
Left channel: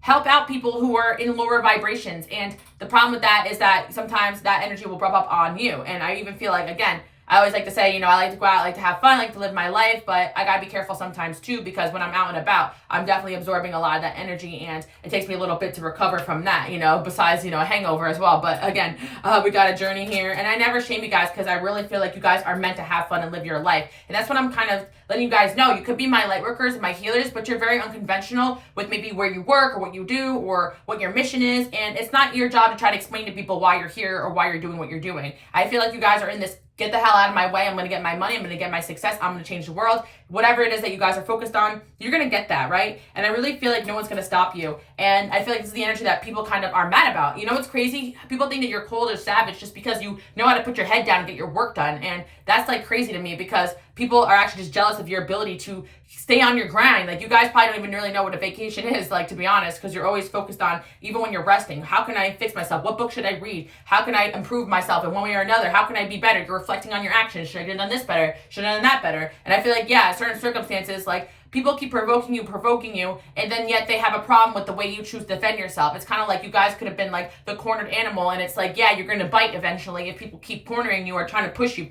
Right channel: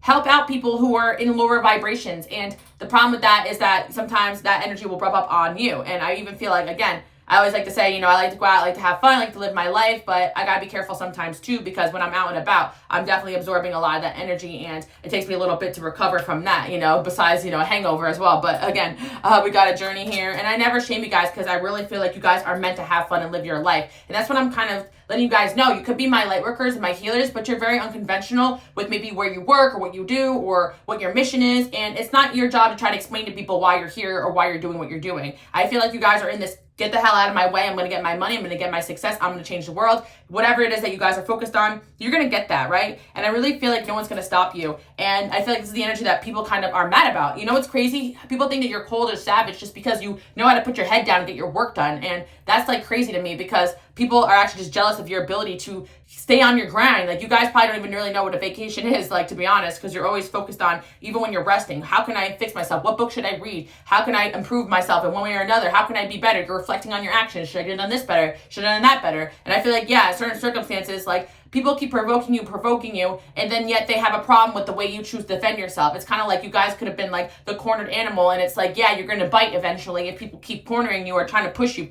help out people who are in lower vibrations. And the problem with that is that sometimes that energy will rub up on you. And I even feel like, again, I always like to say, I like to go out, I like to have fun, I like to live my life, but I gotta be careful sometimes too, because when I'm out and about, I'm definitely absorbing a lot of that energy, and it takes me a little bit to recover from that, besides, a hangover as well. But again, we got a journey here, and I never shame you guys, because I really feel like you guys are meant to have fun and live your life, and that's what I'm kind of letting you guys know. You could be my light workers and my healers, but you're very unconventional with maybe where you work or what you do or what your mission is, and it's not your job to try to explain to people why you're here or why you're doing what you're doing. I feel like you guys are in this get the hell out of my way. I'm going to get my money. I'm going to get my success. I'm going to change the world. Whatever it is that you guys are focused on, you're going to get that, right? And I really feel like no one's going to stop you. And I feel like this is the energy that people kind of are mad about. What's crazy? People think that you're cold or savage just because you know how to put your head down and get your work done. And that's like crazy to me because people are actually just jealous of your ability to stay on your grind. Like, you guys probably don't even really know what a vacation is, like, to be honest, because you're always focused on, even when you're resting, how can I fix myself? What book should I read? How can I improve myself in one way or another? How can I be better? You're reflecting on your actions. Should I have done this better? Should I have done that better? And I feel like, yeah, certain circumstances, like, people keep provoking you, and then yet they have a problem with the way you choose to defend yourself. It's kind of like you guys could have been like the cornered animal, and it's like, yeah, you're going to bite eventually if people keep cornering you or trying to push you.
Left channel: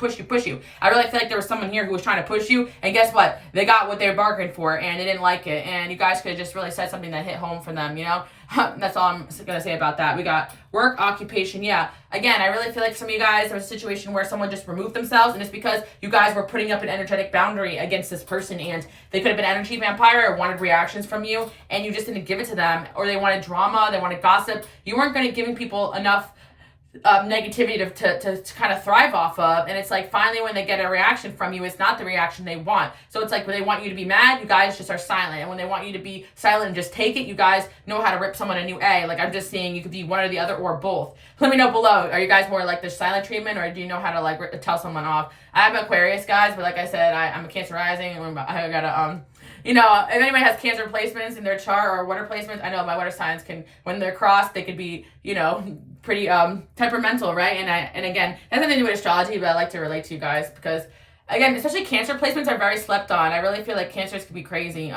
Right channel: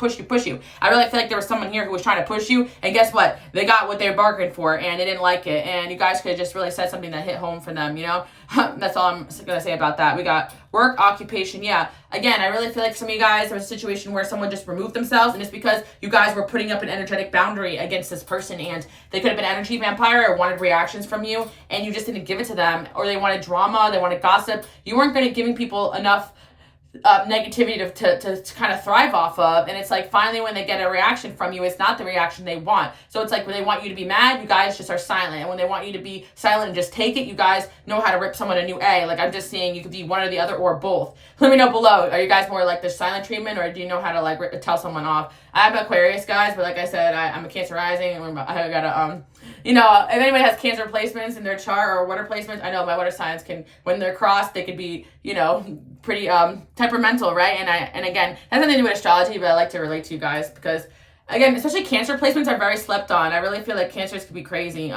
I really feel like there was someone here who was trying to push you, and guess what? They got what they bargained for, and they didn't like it, and you guys could have just really said something that hit home for them, That's all I'm going to say about that. We got work, occupation, yeah. Again, I really feel like some of you guys, there was a situation where someone just removed themselves, and it's because you guys were putting up an energetic boundary against this person, and they could have been energy vampire or wanted reactions from you, and you just didn't give it to them, or they wanted drama, they wanted gossip. You weren't going to giving people enough negativity to kind of thrive off of, and it's like finally when they get a reaction from you, it's not the reaction they want. So it's like when they want you to be mad, you guys just are silent, and when they want you to be silent and just take it, you guys know how to rip someone a new A. Like, I'm just saying, you could be one or the other or both. Let me know below, are you guys more like the silent treatment, or do you know how to like tell someone off? I'm Aquarius, guys, but like I said, I'm a Cancer rising, and I gotta if anybody has Cancer placements in their chart or water placements, I know my water signs can, when they're crossed, they could be, pretty temperamental, right? And again, it has nothing to do with astrology, but I like to relate to you guys because, again, especially Cancer placements are very slept on. I really feel like Cancers could be crazy.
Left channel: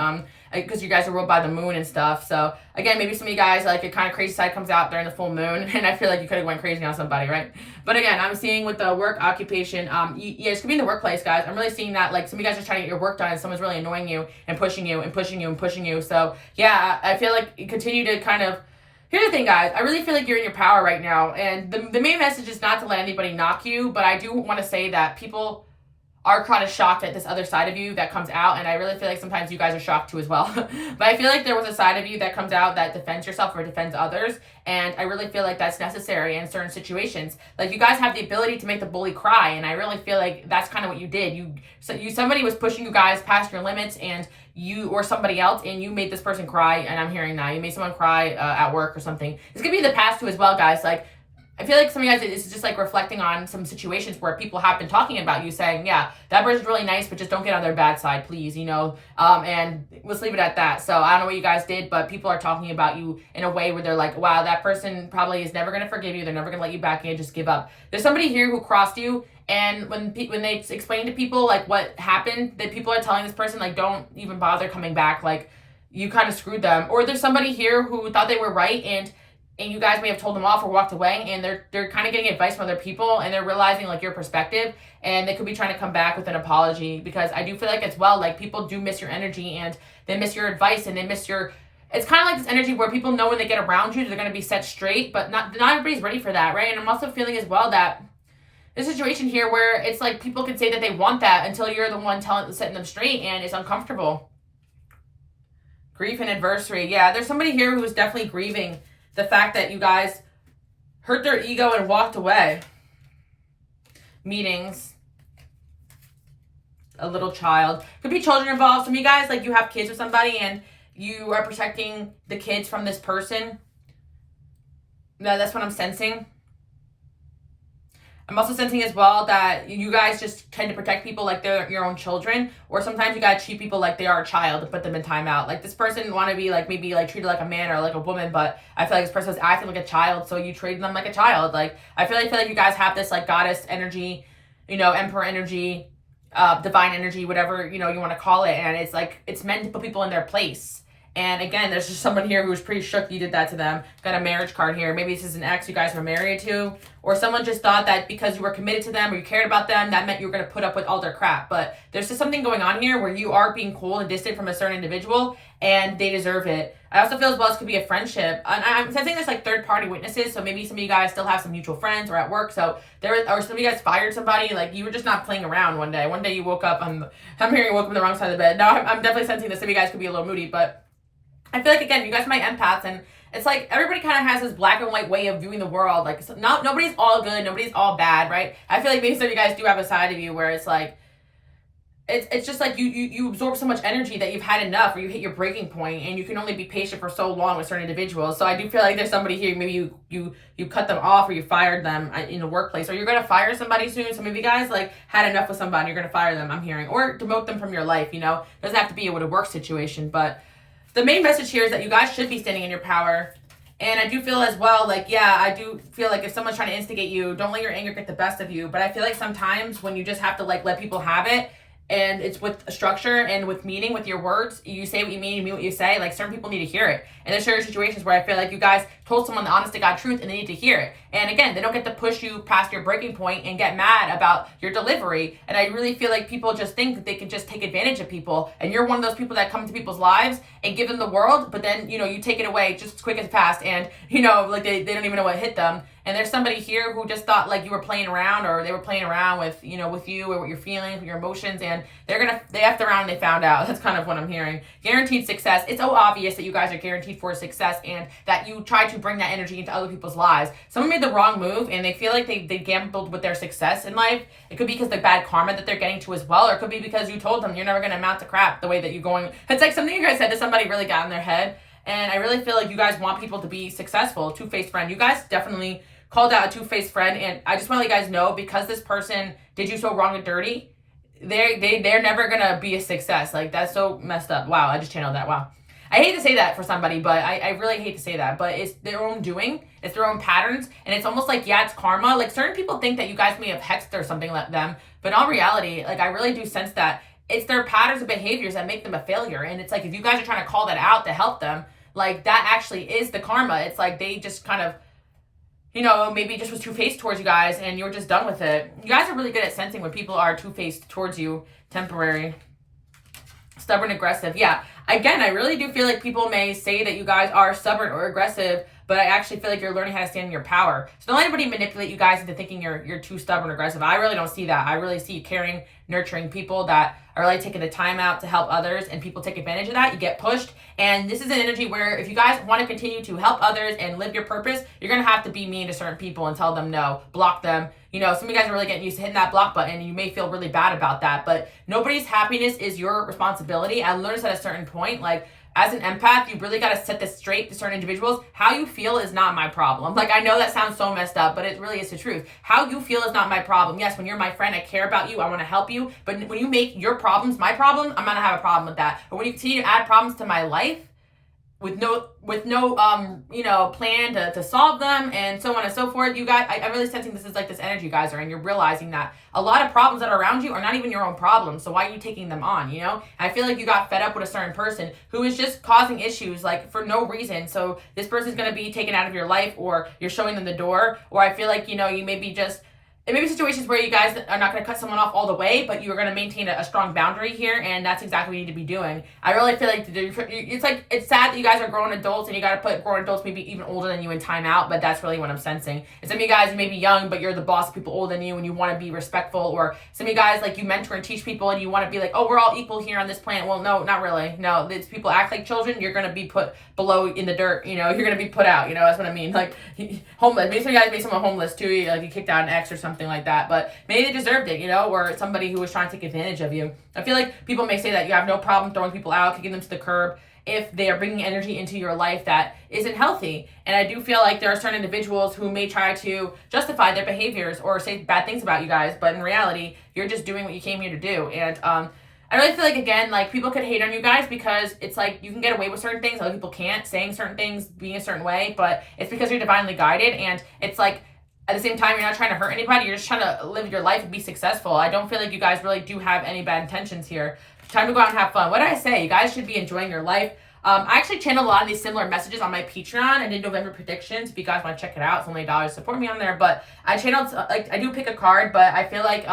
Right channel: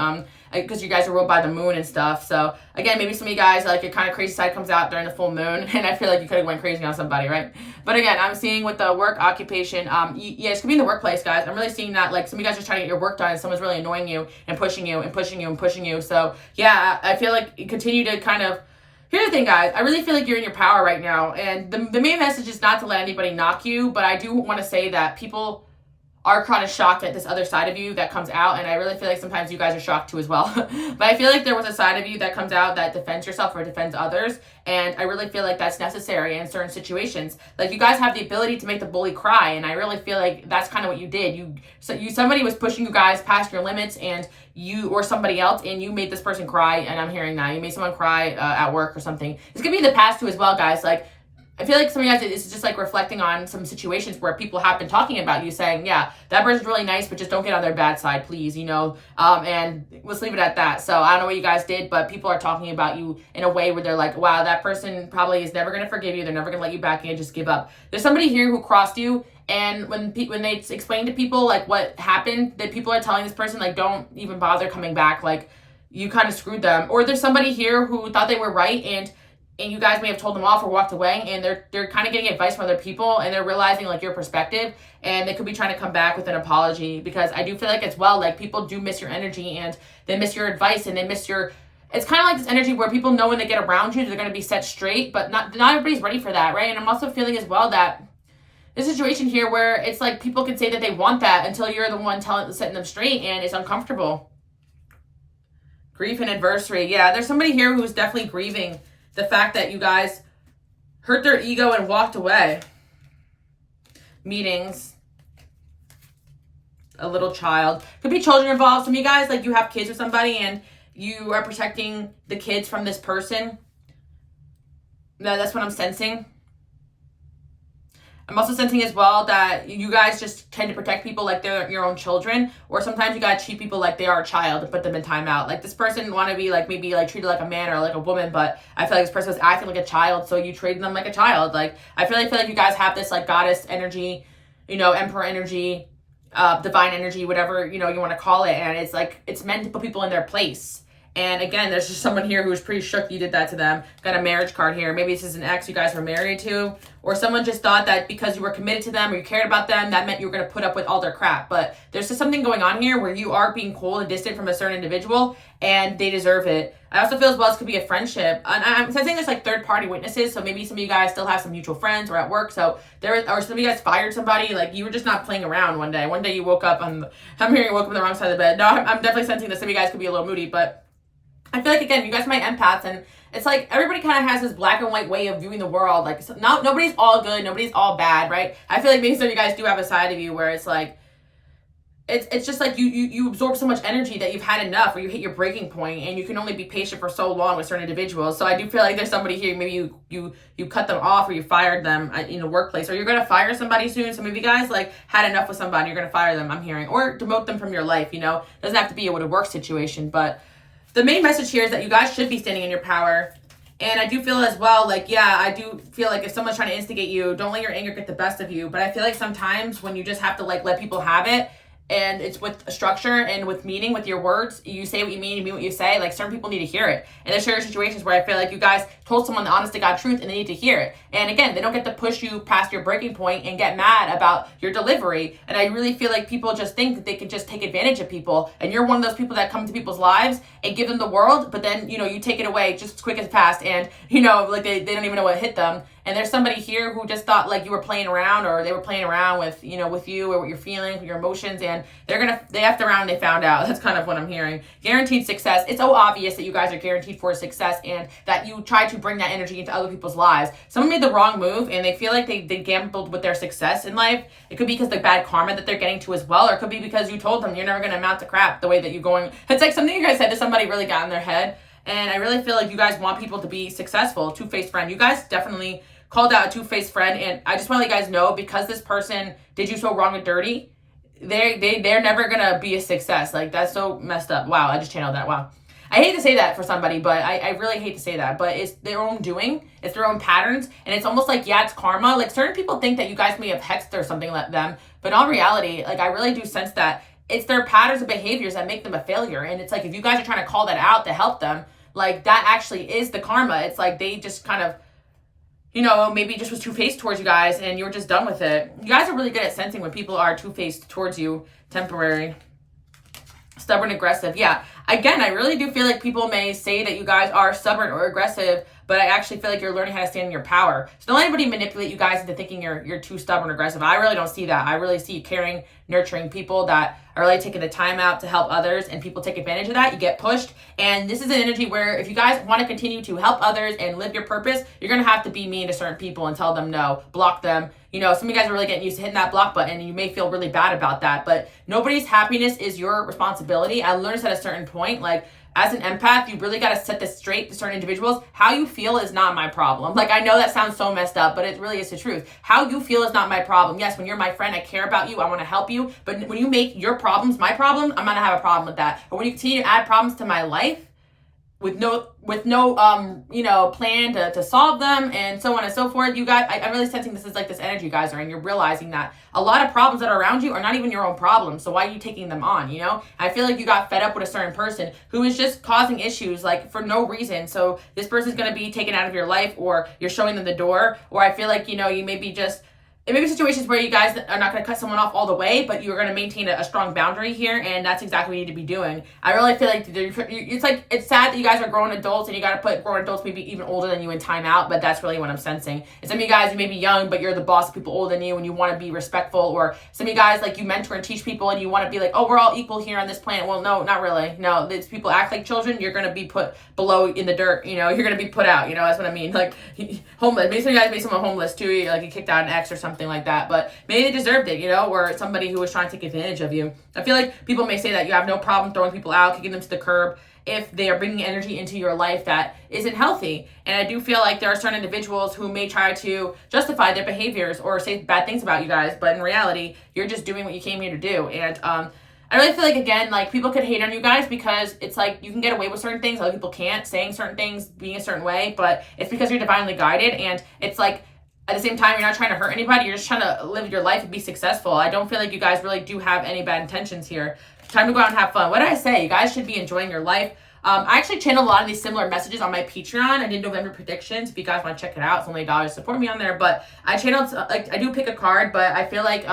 because you guys are ruled by the moon and stuff. So again, maybe some of you guys, like, your kind of crazy side comes out during the full moon, and I feel like you could have went crazy on somebody, right? But again, I'm seeing with the work occupation, yeah, it's gonna be in the workplace, guys. I'm really seeing that, like, some of you guys are trying to get your work done, and someone's really annoying you and pushing you and pushing you and pushing you. So yeah, I feel like you continue to kind of. Here's the thing, guys. I really feel like you're in your power right now, and the main message is not to let anybody knock you, but I do want to say that people are kind of shocked at this other side of you that comes out, and I really feel like sometimes you guys are shocked too as well. But I feel like there was a side of you that comes out that defends yourself or defends others, and I really feel like that's necessary in certain situations. Like, you guys have the ability to make the bully cry, and I really feel like that's kind of what you did. Somebody was pushing you guys past your limits, and you or somebody else, and you made this person cry, and I'm hearing that. You made someone cry at work or something. It's gonna be in the past too as well, guys. Like, I feel like some of you guys, it's just like reflecting on some situations where people have been talking about you, saying, yeah, that person's really nice, but just don't get on their bad side, please, you know? And let's leave it at that. So I don't know what you guys did, but people are talking about you in a way where they're like, wow, that person probably is never going to forgive you. They're never going to let you back in, just give up. There's somebody here who crossed you, and when they explain to people, like, what happened, that people are telling this person, like, don't even bother coming back, like, you kind of screwed them. Or there's somebody here who thought they were right, and you guys may have told them off or walked away, and they're kind of getting advice from other people, and they're realizing, like, your perspective, and they could be trying to come back with an apology, because I do feel like as well, like, people do miss your energy, and they miss your advice, and they miss your, it's kind of like this energy where people know when they get around you, they're going to be set straight, but not everybody's ready for that, right? And I'm also feeling as well that this situation here where it's like people can say that they want that until you're the one setting them straight, and it's uncomfortable. Grief and adversity. Yeah, there's somebody here who's definitely grieving the fact that you guys hurt their ego and walked away. Meetings. A little child. Could be children involved. Some of you guys, like, you have kids with somebody and you are protecting the kids from this person. No, that's what I'm sensing. I'm also sensing as well that you guys just tend to protect people like they're your own children, or sometimes you gotta treat people like they are a child and put them in timeout. Like, this person want to be, like, maybe, like, treated like a man or like a woman, but I feel like this person was acting like a child, so you treat them like a child. Like, I feel like you guys have this, like, goddess energy, you know, emperor energy, divine energy, whatever, you know, you want to call it, and it's like, it's meant to put people in their place. And again, there's just someone here who's pretty shook you did that to them. Got a marriage card here. Maybe this is an ex you guys were married to, or someone just thought that because you were committed to them or you cared about them, that meant you were going to put up with all their crap. But there's just something going on here where you are being cold and distant from a certain individual, and they deserve it. I also feel as well this could be a friendship. And I'm sensing there's, like, third-party witnesses, so maybe some of you guys still have some mutual friends or at work. So or some of you guys fired somebody, like, you were just not playing around one day. One day you woke up, I'm hearing you woke up on the wrong side of the bed. No, I'm definitely sensing that some of you guys could be a little moody, but I feel like, again, you guys are my empaths, and it's like everybody kind of has this black and white way of viewing the world. Like, nobody's all good, nobody's all bad, right? I feel like maybe some of you guys do have a side of you where it's like, it's just like you absorb so much energy that you've had enough, or you hit your breaking point, and you can only be patient for so long with certain individuals. So I do feel like there's somebody here, maybe you cut them off, or you fired them in the workplace, or you're going to fire somebody soon. Some of you guys, like, had enough with somebody, you're going to fire them, I'm hearing, or demote them from your life, you know? It doesn't have to be a work situation, but the main message here is that you guys should be standing in your power. And I do feel as well, like, yeah, I do feel like if someone's trying to instigate you, don't let your anger get the best of you. But I feel like sometimes when you just have to, like, let people have it, and it's with a structure and with meaning, with your words, you say what you mean, you mean what you say. Like, certain people need to hear it. And there's certain situations where I feel like you guys told someone the honest to God truth, and they need to hear it. And again, they don't get to push you past your breaking point and get mad about your delivery. And I really feel like people just think that they can just take advantage of people. And you're one of those people that come to people's lives and give them the world, but then, you know, you take it away just as quick as fast, and, you know, like, they don't even know what hit them. And there's somebody here who just thought, like, you were playing around, or they were playing around with, you know, with you, or what you're feeling, with your emotions, and they effed around and they found out. That's kind of what I'm hearing. Guaranteed success. It's so obvious that you guys are guaranteed for success, and that you try to bring that energy into other people's lives. Someone made the wrong move, and they feel like they gambled with their success in life. It could be because of the bad karma that they're getting to as well, or it could be because you told them you're never going to amount to crap the way that you're going. It's like something you guys said to somebody really got in their head, and I really feel like you guys want people to be successful. Two-faced friend. You guys definitely called out a two-faced friend, and I just want to let you guys know, because this person did you so wrong and dirty, they're never gonna be a success. Like, that's so messed up. Wow, I just channeled that. Wow. I hate to say that for somebody, but I really hate to say that, but it's their own doing, it's their own patterns, and it's almost like, yeah, it's karma. Like, certain people think that you guys may have hexed or something like them, but in all reality, like, I really do sense that it's their patterns of behaviors that make them a failure. And it's like, if you guys are trying to call that out to help them, like that actually is the karma. It's like they just kind of, you know, maybe just was two-faced towards you guys and you were just done with it. You guys are really good at sensing when people are two-faced towards you. Temporary. Stubborn, aggressive. Yeah. Again, I really do feel like people may say that you guys are stubborn or aggressive, but I actually feel like you're learning how to stand in your power. So don't let anybody manipulate you guys into thinking you're too stubborn or aggressive. I really don't see that. I really see caring, nurturing people that are really taking the time out to help others, and people take advantage of that. You get pushed. And this is an energy where if you guys want to continue to help others and live your purpose, you're going to have to be mean to certain people and tell them no, block them. You know, some of you guys are really getting used to hitting that block button, and you may feel really bad about that, but nobody's happiness is your responsibility. I learned at a certain point, like, as an empath, you really got to set this straight to certain individuals. How you feel is not my problem. Like, I know that sounds so messed up, but it really is the truth. How you feel is not my problem. Yes, when you're my friend, I care about you. I want to help you. But when you make your problems my problem, I'm going to have a problem with that. But when you continue to add problems to my life with no you know, plan to solve them and so on and so forth, you guys, I'm really sensing this is like this energy you guys are, and you're realizing that a lot of problems that are around you are not even your own problems. So why are you taking them on, you know? I feel like you got fed up with a certain person who is just causing issues like for no reason. So this person's going to be taken out of your life, or you're showing them the door, or I feel like, you know, you maybe just, it may be situations where you guys are not going to cut someone off all the way, but you're going to maintain a strong boundary here, and that's exactly what you need to be doing. I really feel like it's sad that you guys are grown adults, and you got to put grown adults maybe even older than you in timeout, but that's really what I'm sensing. And some of you guys, you may be young, but you're the boss of people older than you, and you want to be respectful, or some of you guys, like, you mentor and teach people, and you want to be like, oh, we're all equal here on this planet. Well, no, not really. No, these people act like children, you're going to be put below in the dirt, you know, you're going to be put out, you know, that's what I mean. Like, homeless, maybe some of you guys made someone homeless too, like you kicked out an ex or something like that, but maybe they deserved it, you know, or somebody who was trying to take advantage of you. I feel like people may say that you have no problem throwing people out, kicking them to the curb, if they are bringing energy into your life that isn't healthy. And I do feel like there are certain individuals who may try to justify their behaviors or say bad things about you guys, but in reality, you're just doing what you came here to do. And I really feel like, again, like, people could hate on you guys because it's like you can get away with certain things, other people can't, saying certain things, being a certain way, but it's because you're divinely guided. And it's like, at the same time, you're not trying to hurt anybody. You're just trying to live your life and be successful. I don't feel like you guys really do have any bad intentions here. Time to go out and have fun. What did I say? You guys should be enjoying your life. I actually channel a lot of these similar messages on my Patreon. I did November predictions. If you guys want to check it out, it's only $1. Support me on there. But I channeled, like, I do pick a card, but I feel like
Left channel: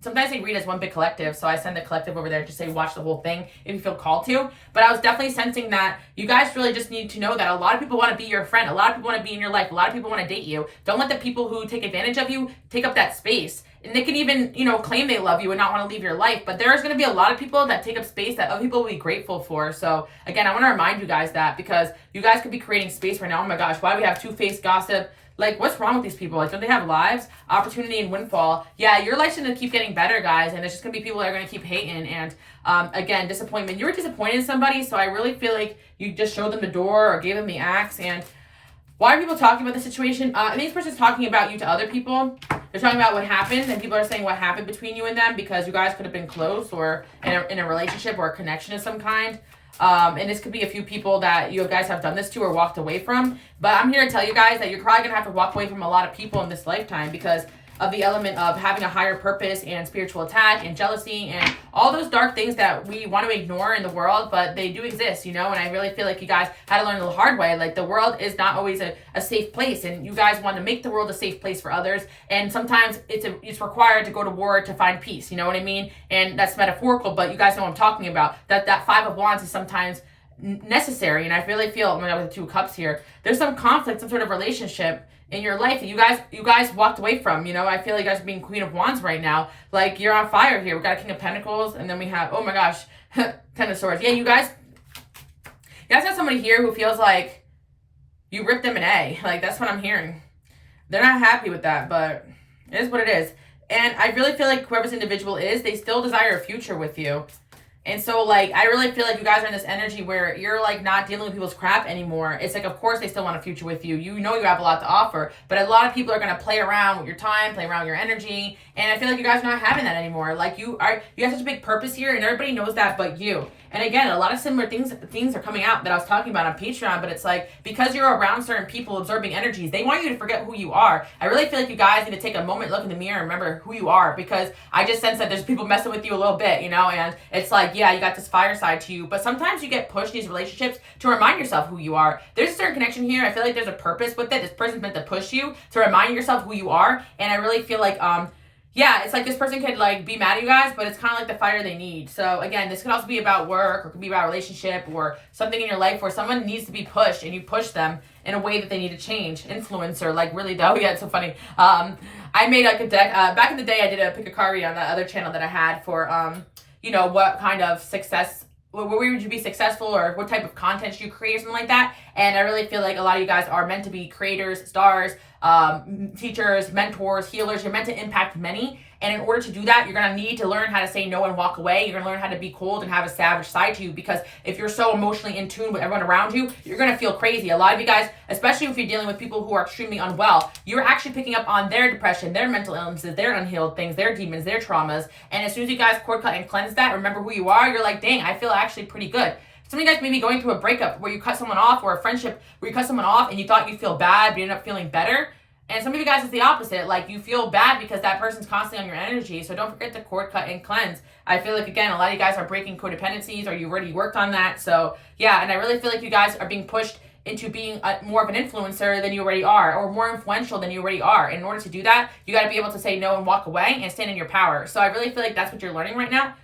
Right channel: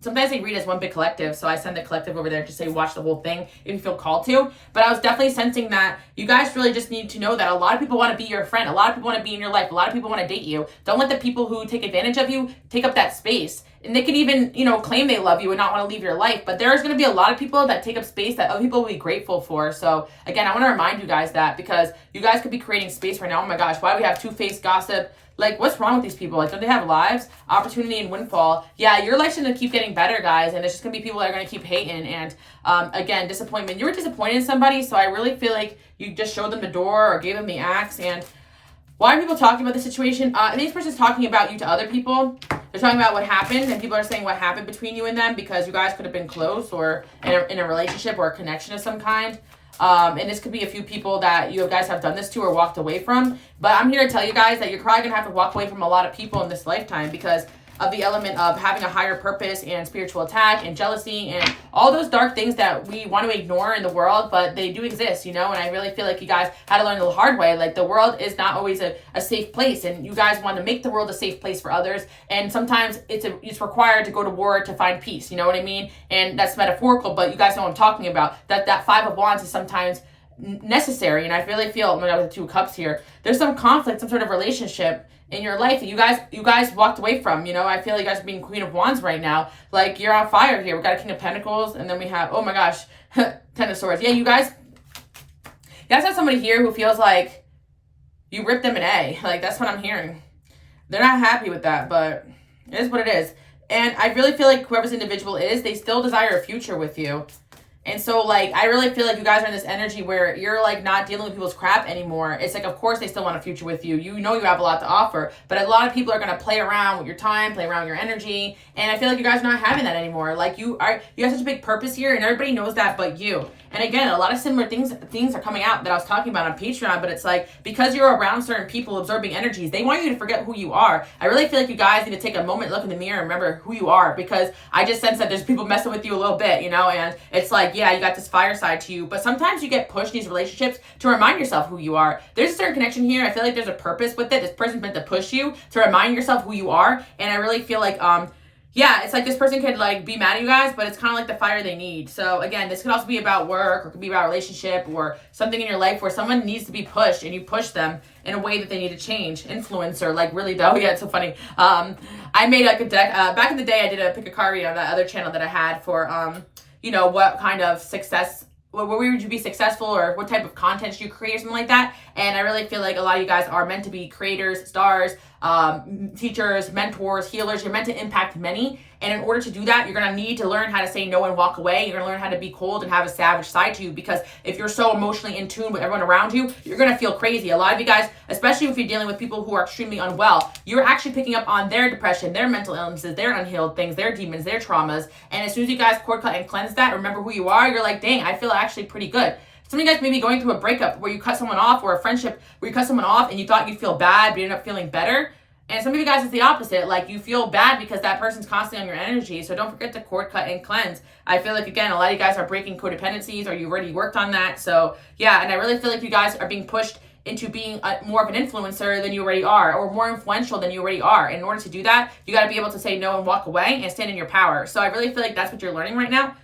sometimes they read as one big collective. So I send the collective over there to say watch the whole thing if you feel called to. But I was definitely sensing that you guys really just need to know that a lot of people want to be your friend. A lot of people want to be in your life. A lot of people want to date you. Don't let the people who take advantage of you take up that space. And they can even, you know, claim they love you and not want to leave your life. But there's going to be a lot of people that take up space that other people will be grateful for. So, again, I want to remind you guys that, because you guys could be creating space right now. Oh, my gosh, why do we have two-faced gossip? Like, what's wrong with these people? Like, don't they have lives? Opportunity and windfall. Yeah, your life's going to keep getting better, guys. And there's just going to be people that are going to keep hating. And, again, disappointment. You were disappointed in somebody, so I really feel like you just showed them the door or gave them the axe. And why are people talking about the situation? And these person's talking about you to other people. They're talking about what happened, and people are saying what happened between you and them, because you guys could have been close or in a relationship or a connection of some kind. And this could be a few people that you guys have done this to or walked away from. But I'm here to tell you guys that you're probably going to have to walk away from a lot of people in this lifetime, because of the element of having a higher purpose and spiritual attack and jealousy and all those dark things that we want to ignore in the world, but they do exist, you know. And I really feel like you guys had to learn the hard way. Like, the world is not always a safe place, and you guys want to make the world a safe place for others. And sometimes it's required to go to war to find peace, you know what I mean? And that's metaphorical, but you guys know what I'm talking about. That Five of Wands is sometimes necessary. And I really feel, oh my God, with the Two of Cups here, there's some conflict, some sort of relationship in your life that you guys walked away from. You know, I feel like you guys are being Queen of Wands right now. Like, you're on fire here. We got a King of Pentacles, and then we have, oh my gosh, Ten of Swords. Yeah, you guys have somebody here who feels like you ripped them an A. Like, that's what I'm hearing. They're not happy with that, but it is what it is. And I really feel like whoever this individual is, they still desire a future with you. And so, like, I really feel like you guys are in this energy where you're, like, not dealing with people's crap anymore. It's like, of course, they still want a future with you. You know you have a lot to offer. But a lot of people are going to play around with your time, play around with your energy. And I feel like you guys are not having that anymore. Like, you have such a big purpose here, and everybody knows that but you. And again, a lot of similar things are coming out that I was talking about on Patreon, but it's like, because you're around certain people absorbing energies, they want you to forget who you are. I really feel like you guys need to take a moment, look in the mirror, and remember who you are, because I just sense that there's people messing with you a little bit, you know, and it's like, yeah, you got this fire side to you, but sometimes you get pushed in these relationships to remind yourself who you are. There's a certain connection here. I feel like there's a purpose with it. This person's meant to push you to remind yourself who you are, and I really feel like, yeah, it's like this person could like be mad at you guys, but it's kind of like the fire they need. So again, this could also be about work, or it could be about a relationship, or something in your life where someone needs to be pushed and you push them in a way that they need to change. Influencer, like really though. Yeah, it's so funny. I made like a deck, back in the day I did a pick a card read on that other channel that I had for, you know, what kind of success, where would you be successful, or what type of content you create or something like that. And I really feel like a lot of you guys are meant to be creators, stars, teachers, mentors, healers. You're meant to impact many. And in order to do that, you're going to need to learn how to say no and walk away. You're going to learn how to be cold and have a savage side to you, because if you're so emotionally in tune with everyone around you, you're going to feel crazy. A lot of you guys, especially if you're dealing with people who are extremely unwell, you're actually picking up on their depression, their mental illnesses, their unhealed things, their demons, their traumas. And as soon as you guys cord cut and cleanse that, remember who you are, you're like, dang, I feel actually pretty good. Some of you guys may be going through a breakup where you cut someone off, or a friendship where you cut someone off and you thought you'd feel bad, but you end up feeling better. And some of you guys, it's the opposite. Like, you feel bad because that person's constantly on your energy. So don't forget to cord cut and cleanse. I feel like, again, a lot of you guys are breaking codependencies, or you already worked on that. So yeah, and I really feel like you guys are being pushed into being more of an influencer than you already are, or more influential than you already are. And in order to do that, you got to be able to say no and walk away and stand in your power. So I really feel like that's what you're learning right now.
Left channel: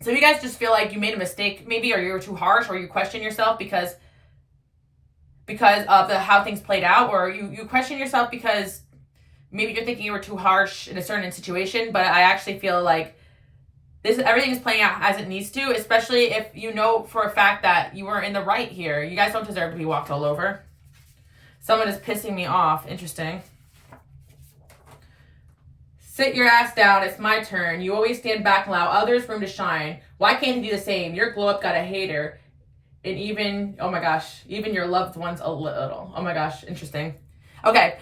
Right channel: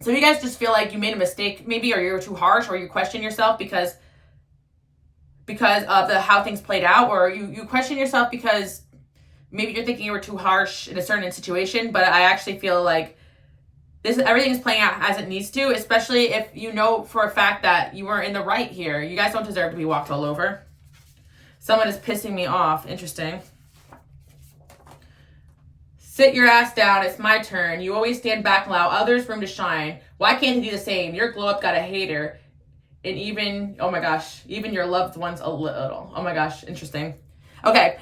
So if you guys just feel like you made a mistake maybe, or you're too harsh, or you question yourself because of how things played out, or you question yourself because maybe you're thinking you were too harsh in a certain situation, but I actually feel like everything's playing out as it needs to, especially if you know for a fact that you were in the right here. You guys don't deserve to be walked all over. Someone is pissing me off. Interesting. Sit your ass down. It's my turn. You always stand back and allow others room to shine. Why can't you do the same? Your glow up got a hater. And even, oh my gosh, even your loved ones a little. Oh my gosh, interesting. Okay,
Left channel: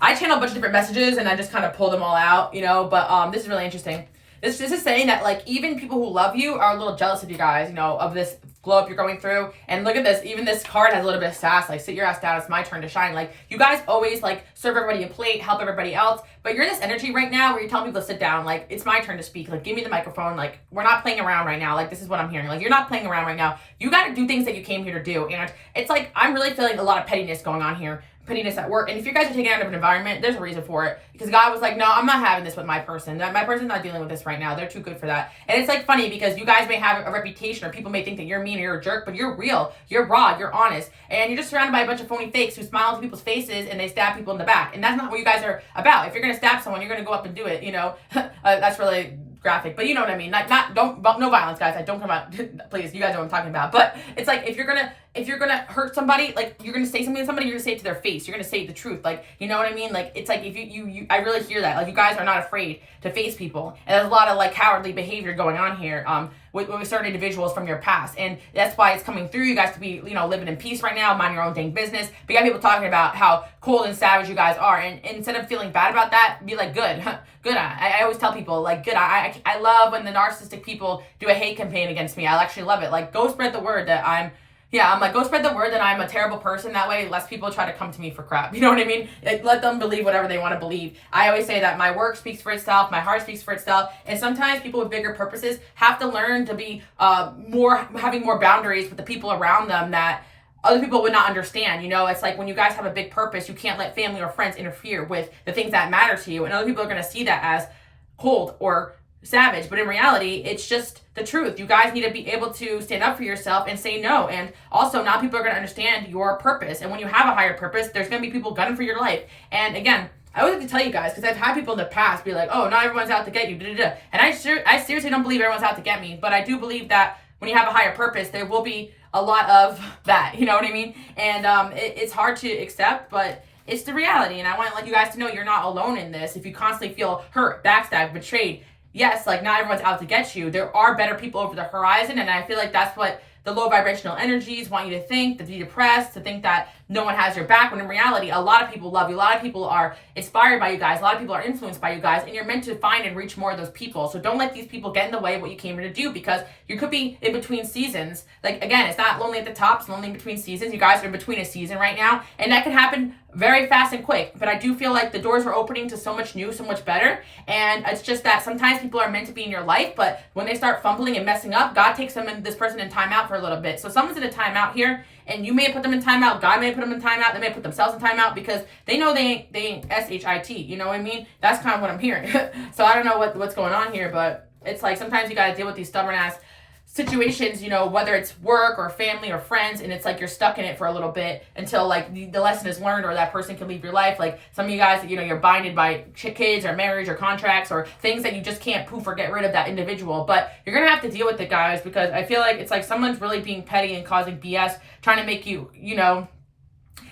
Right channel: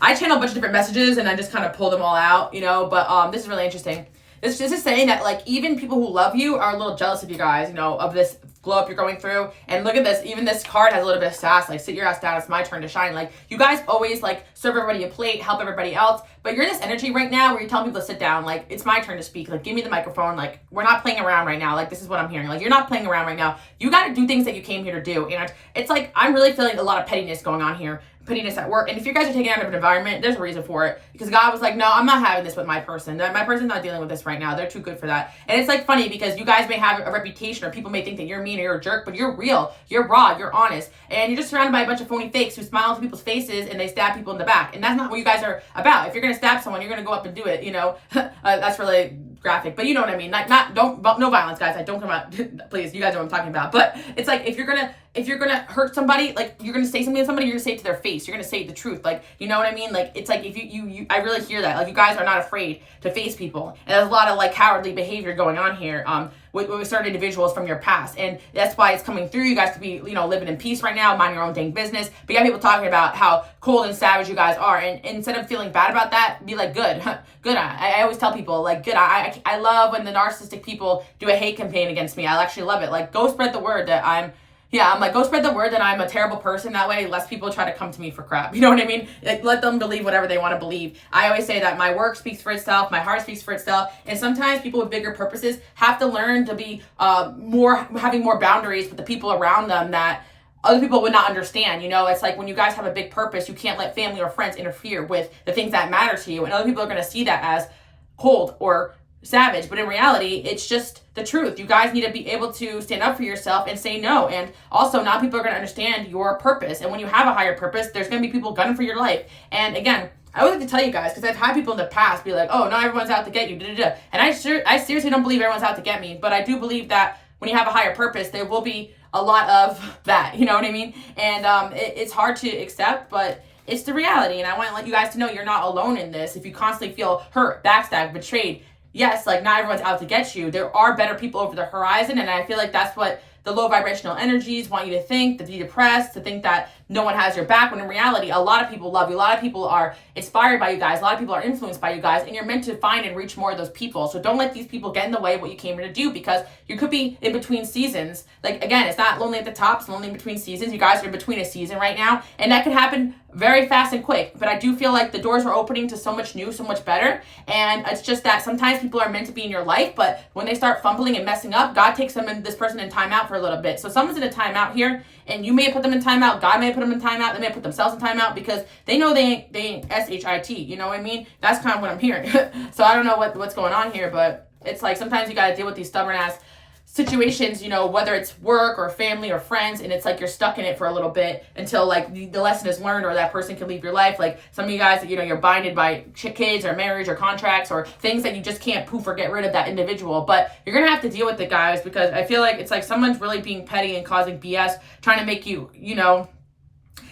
I channel a bunch of different messages and I just kind of pull them all out, you know, but this is really interesting. This is saying that, like, even people who love you are a little jealous of you guys, you know, of this glow up you're going through. And look at this, even this card has a little bit of sass, like, sit your ass down, it's my turn to shine. Like, you guys always, like, serve everybody a plate, help everybody else, but you're in this energy right now where you're telling people to sit down, like, it's my turn to speak, like, give me the microphone, like, we're not playing around right now, like, this is what I'm hearing, like, you're not playing around right now, you gotta do things that you came here to do. And it's like, I'm really feeling a lot of pettiness going on here. Pettiness at work. And if you guys are taking out of an environment, there's a reason for it, because God was like, no, I'm not having this with my person. My person's not dealing with this right now. They're too good for that. And it's like funny because you guys may have a reputation, or people may think that you're mean or you're a jerk, but you're real, you're raw, you're honest, and you're just surrounded by a bunch of phony fakes who smile into people's faces and they stab people in the back. And that's not what you guys are about. If you're gonna stab someone, you're gonna go up and do it, you know. That's really graphic, but you know what I mean. Like, no violence, guys. Like, don't come out. Please, you guys know what I'm talking about. But it's like, if you're gonna hurt somebody, like, you're gonna say something to somebody, you're gonna say it to their face. You're gonna say the truth. Like, you know what I mean? Like, it's like, if you I really hear that. Like, you guys are not afraid to face people. And there's a lot of, like, cowardly behavior going on here with certain individuals from your past. And that's why it's coming through. You guys could be, you know, living in peace right now, mind your own dang business. But you got people talking about how cold and savage you guys are. And instead of feeling bad about that, be like, good. Good. I always tell people, like, good. I love when the narcissistic people do a hate campaign against me. I actually love it. Like, go spread the word that I'm like, go spread the word that I'm a terrible person. That way, less people try to come to me for crap. You know what I mean? Like, let them believe whatever they want to believe. I always say that my work speaks for itself. My heart speaks for itself. And sometimes people with bigger purposes have to learn to be having more boundaries with the people around them that other people would not understand. You know, it's like when you guys have a big purpose, you can't let family or friends interfere with the things that matter to you. And other people are going to see that as cold or savage, but in reality, it's just the truth. You guys need to be able to stand up for yourself and say no. And also, now people are going to understand your purpose. And when you have a higher purpose, there's going to be people gunning for your life. And again, I always like to tell you guys, because I've had people in the past be like, oh, not everyone's out to get you, da-da-da. And I seriously don't believe everyone's out to get me, but I do believe that when you have a higher purpose, there will be a lot of that, you know what I mean? And it's hard to accept, but it's the reality. And I want to let you guys to know you're not alone in this. If you constantly feel hurt, backstabbed, betrayed, yes, like not everyone's out to get you. There are better people over the horizon. And I feel like that's what the low vibrational energies want you to think, to be depressed, to think that no one has your back, when in reality, a lot of people love you. A lot of people are inspired by you guys. A lot of people are influenced by you guys, and you're meant to find and reach more of those people. So don't let these people get in the way of what you came here to do, because you could be in between seasons. Like, again, it's not lonely at the top, it's lonely in between seasons. You guys are in between a season right now, and that could happen very fast and quick. But I do feel like the doors are opening to so much new, so much better. And it's just that sometimes people are meant to be in your life, but when they start fumbling and messing up, God takes them and this person in timeout for a little bit. So someone's in a timeout here, and you may put them in timeout. God may put them in timeout. They may put themselves in timeout because they know they ain't SHIT. You know what I mean? That's kind of what I'm hearing. So I don't know what's going on here, but it's like sometimes you got to deal with these stubborn ass situations, you know, whether it's work or family or friends, and it's like you're stuck in it for a little bit until like the lesson is learned or that person can leave your life. Like some of you guys, you know, you're binded by kids or marriage or contracts or things that you just can't poof or get rid of that individual. But you're gonna have to deal with it, guys, because I feel like it's like someone's really being petty and causing BS, trying to make you, you know,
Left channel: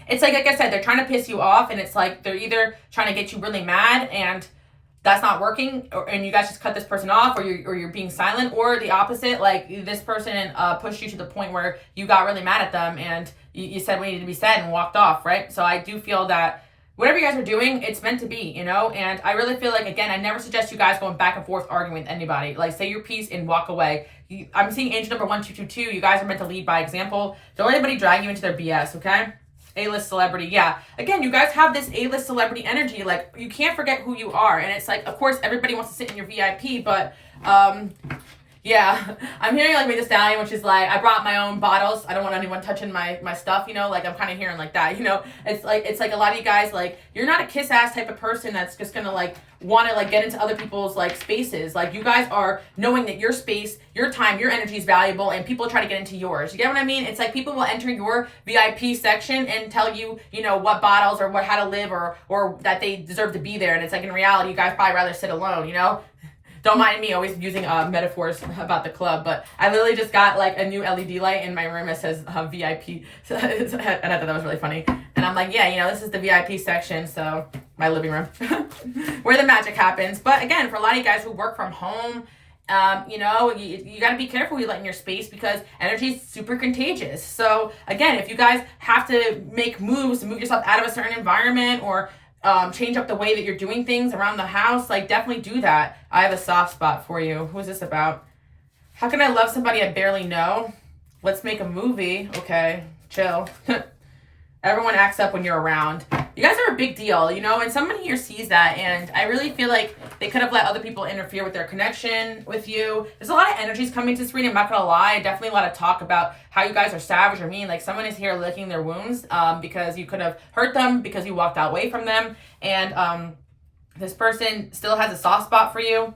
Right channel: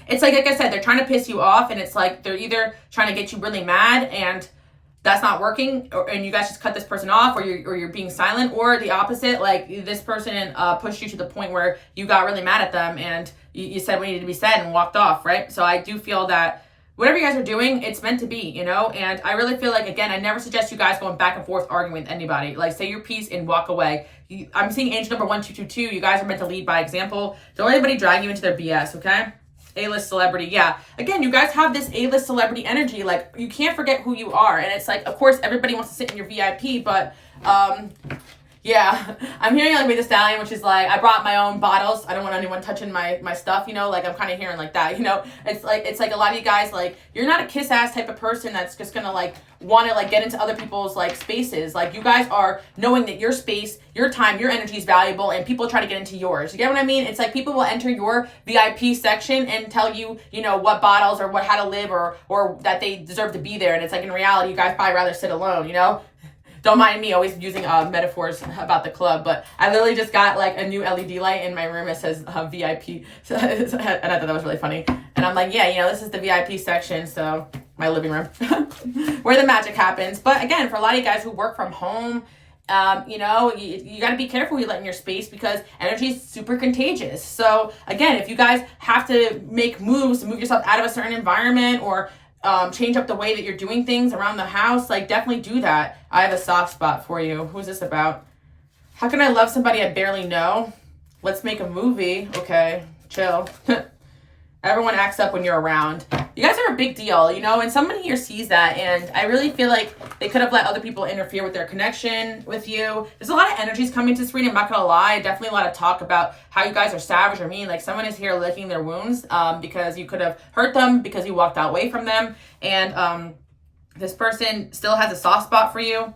it's like I said, they're trying to piss you off, and it's like they're either trying to get you really mad and that's not working, and you guys just cut this person off, or you're being silent, or the opposite, like this person pushed you to the point where you got really mad at them and you said what needed to be said and walked off, right? So I do feel that whatever you guys are doing, it's meant to be, you know? And I really feel like, again, I never suggest you guys going back and forth arguing with anybody. Like, say your piece and walk away. I'm seeing angel number 1222. You guys are meant to lead by example. Don't let anybody drag you into their BS, okay? A-list celebrity, yeah. Again, you guys have this A-list celebrity energy. Like, you can't forget who you are. And it's like, of course, everybody wants to sit in your VIP, but yeah, I'm hearing like the Stallion, which is like, I brought my own bottles. I don't want anyone touching my stuff, you know? Like, I'm kind of hearing like that, you know? It's like a lot of you guys, like, you're not a kiss-ass type of person that's just gonna, like, want to, like, get into other people's, like, spaces. Like, you guys are knowing that your space, your time, your energy is valuable, and people try to get into yours. You get what I mean? It's like people will enter your VIP section and tell you, you know, what bottles or how to live or that they deserve to be there. And it's like, in reality, you guys probably rather sit alone, you know? Don't mind me always using metaphors about the club, but I literally just got like a new LED light in my room. It says VIP, and I thought that was really funny. And I'm like, yeah, you know, this is the VIP section, so my living room, where the magic happens. But again, for a lot of you guys who work from home, you know, you got to be careful who you let in your space, because energy is super contagious. So again, if you guys have to make moves to move yourself out of a certain environment, or change up the way that you're doing things around the house, like, definitely do that. I have a soft spot for you. Who's this about? How can I love somebody I barely know? Let's make a movie. Okay, chill. Everyone acts up when you're around. You guys are a big deal, you know, and someone here sees that, and I really feel like they could have let other people interfere with their connection with you. There's a lot of energies coming to this reading, I'm not gonna lie. Definitely a lot of talk about how you guys are savage or mean. Like, someone is here licking their wounds because you could have hurt them, because you walked away from them, and this person still has a soft spot for you.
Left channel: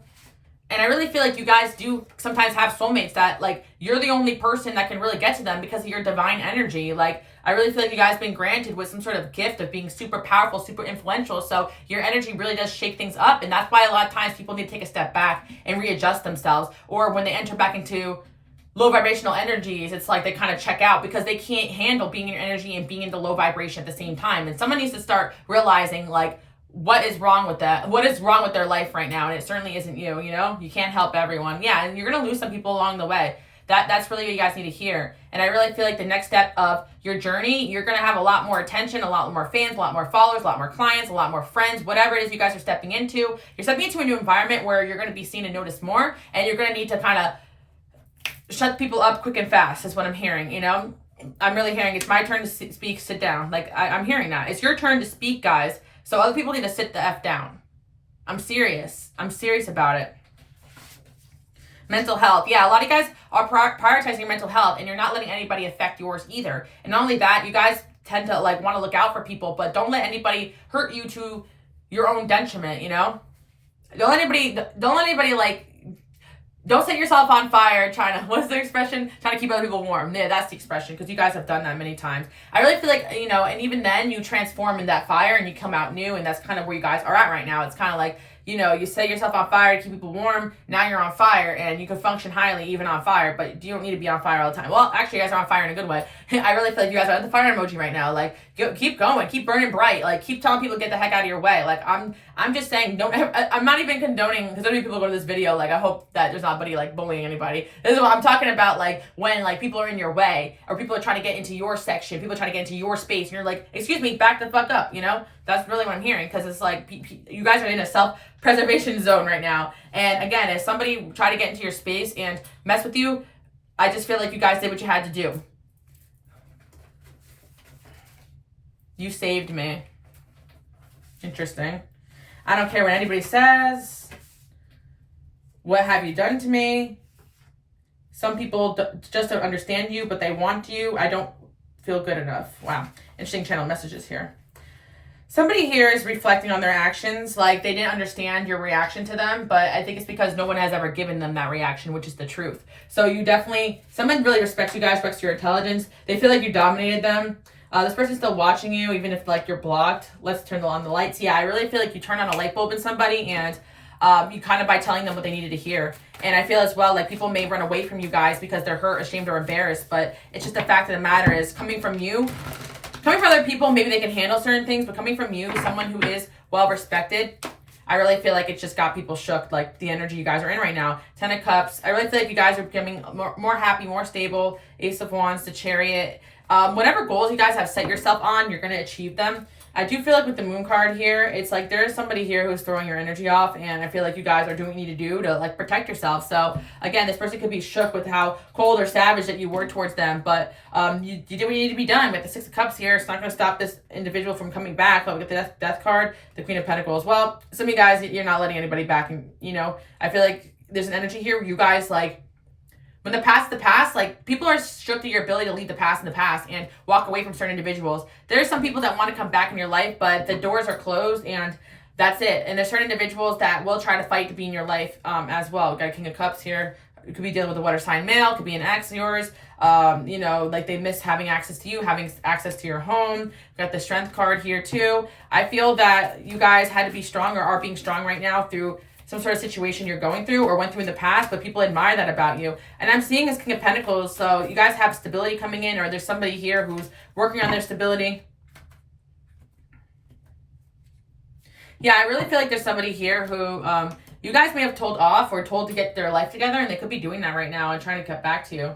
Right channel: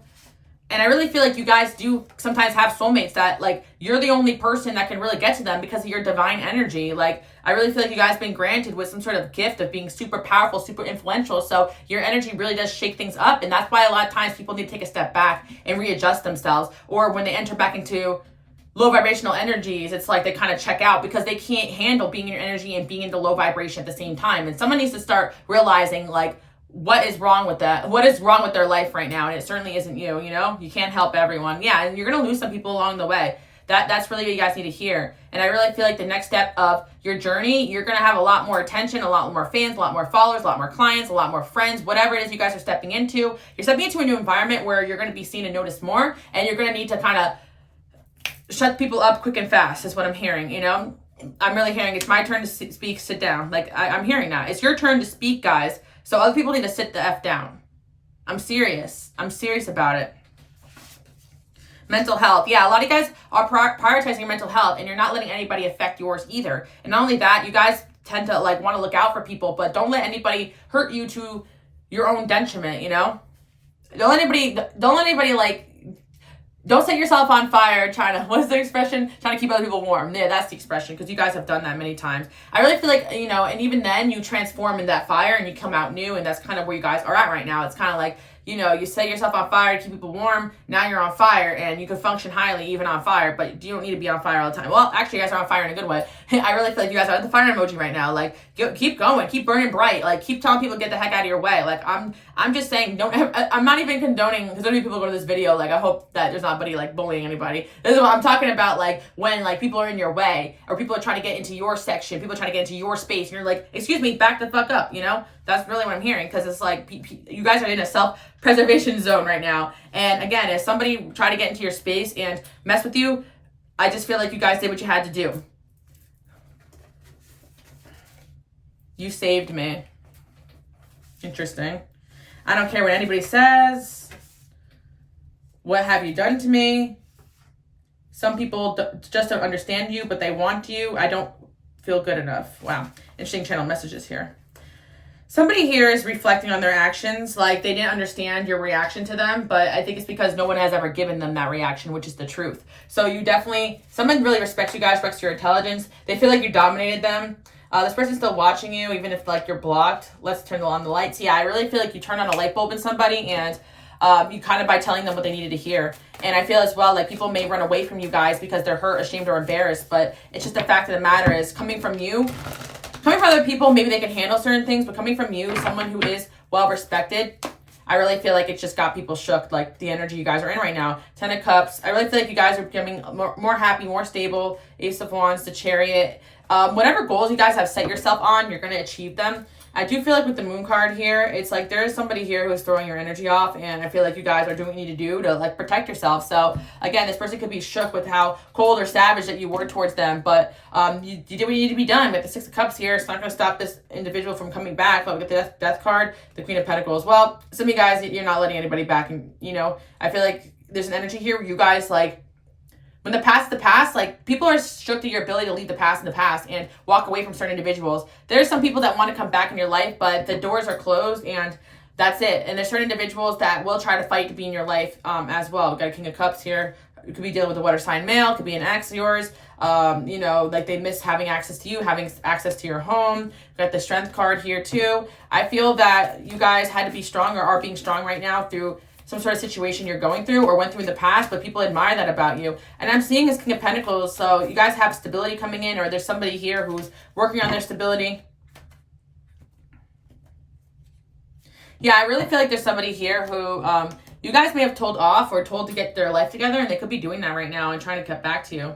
And I really feel like you guys do sometimes have soulmates that, like, you're the only person that can really get to them because of your divine energy. Like, I really feel like you guys have been granted with some sort of gift of being super powerful, super influential. So your energy really does shake things up. And that's why a lot of times people need to take a step back and readjust themselves. Or when they enter back into low vibrational energies, it's like they kind of check out because they can't handle being in your energy and being in the low vibration at the same time. And someone needs to start realizing, like, what is wrong with that? What is wrong with their life right now? And it certainly isn't you, you know? You can't help everyone. Yeah, and you're going to lose some people along the way. That's really what you guys need to hear. And I really feel like the next step of your journey, you're going to have a lot more attention, a lot more fans, a lot more followers, a lot more clients, a lot more friends, whatever it is you guys are stepping into. You're stepping into a new environment where you're going to be seen and noticed more, and you're going to need to kind of shut people up quick and fast is what I'm hearing, you know? I'm really hearing it's my turn to speak, sit down. Like, I'm hearing that. It's your turn to speak, guys. So other people need to sit the F down. I'm serious. I'm serious about it. Mental health. Yeah, a lot of you guys are prioritizing your mental health, and you're not letting anybody affect yours either. And not only that, you guys tend to, like, want to look out for people, but don't let anybody hurt you to your own detriment, you know? Don't let anybody, like, don't set yourself on fire trying to, what's the expression? Trying to keep other people warm. Yeah, that's the expression, because you guys have done that many times. I really feel like, you know, and even then you transform in that fire and you come out new, and that's kind of where you guys are at right now. It's kind of like you know, you set yourself on fire to keep people warm. Now you're on fire, and you can function highly even on fire, but you don't need to be on fire all the time. Well, actually, you guys are on fire in a good way. I really feel like you guys are the fire emoji right now. Like, keep going, keep burning bright. Like, keep telling people to get the heck out of your way. Like, I'm just saying, I'm not even condoning, because so many people go to this video, like, I hope that there's not anybody, like, bullying anybody. This is what I'm talking about, like, when, like, people are in your way, or people are trying to get into your section, people are trying to get into your space, and you're like, excuse me, back the fuck up, you know? That's really what I'm hearing, because it's like, you guys are in a self-preservation zone right now. And again, if somebody tried to get into your space and mess with you, I just feel like you guys did what you had to do. You saved me. Interesting. I don't care what anybody says. What have you done to me? Some people just don't understand you, but they want you. I don't feel good enough. Wow. Interesting channel messages here. Somebody here is reflecting on their actions, like they didn't understand your reaction to them, but I think it's because no one has ever given them that reaction, which is the truth. So you definitely, someone really respects you guys, respects your intelligence. They feel like you dominated them. This person's still watching you, even if like you're blocked. Let's turn on the lights. Yeah, I really feel like you turn on a light bulb in somebody, and you kind of by telling them what they needed to hear. And I feel as well like people may run away from you guys because they're hurt, ashamed, or embarrassed, but it's just the fact of the matter is coming from you. Coming from other people, maybe they can handle certain things, but coming from you, someone who is well respected, I really feel like it just got people shook, like the energy you guys are in right now. 10 of Cups. I really feel like you guys are becoming more happy, more stable. Ace of Wands, the Chariot. Whatever goals you guys have set yourself on, you're going to achieve them. I do feel like with the Moon card here, it's like there is somebody here who's throwing your energy off, and I feel like you guys are doing what you need to do to like protect yourself. So again, this person could be shook with how cold or savage that you were towards them, but you did what you need to be done. With the Six of Cups here, it's not going to stop this individual from coming back. But with the death card, the Queen of Pentacles, well, some of you guys, you're not letting anybody back, and you know, I feel like there's an energy here where you guys like, when the past is the past, like people are shook to your ability to leave the past in the past and walk away from certain individuals. There's some people that want to come back in your life, but the doors are closed and that's it. And there's certain individuals that will try to fight to be in your life as well. We've got a King of Cups here. It could be dealing with a water sign male, it could be an ex of yours. You know, like they miss having access to you, having access to your home. We've got the Strength card here too. I feel that you guys had to be strong or are being strong right now through some sort of situation you're going through or went through in the past, but people admire that about you. And I'm seeing this King of Pentacles, so you guys have stability coming in, or there's somebody here who's working on their stability. Yeah, I really feel like there's somebody here who you guys may have told off or told to get their life together, and they could be doing that right now and trying to get back to you.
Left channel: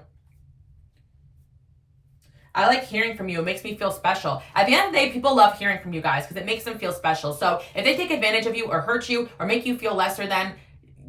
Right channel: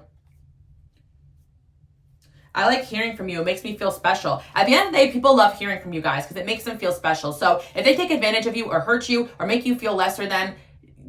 I like hearing from you. It makes me feel special. At the end of the day, people love hearing from you guys because it makes them feel special. So if they take advantage of you or hurt you or make you feel lesser than,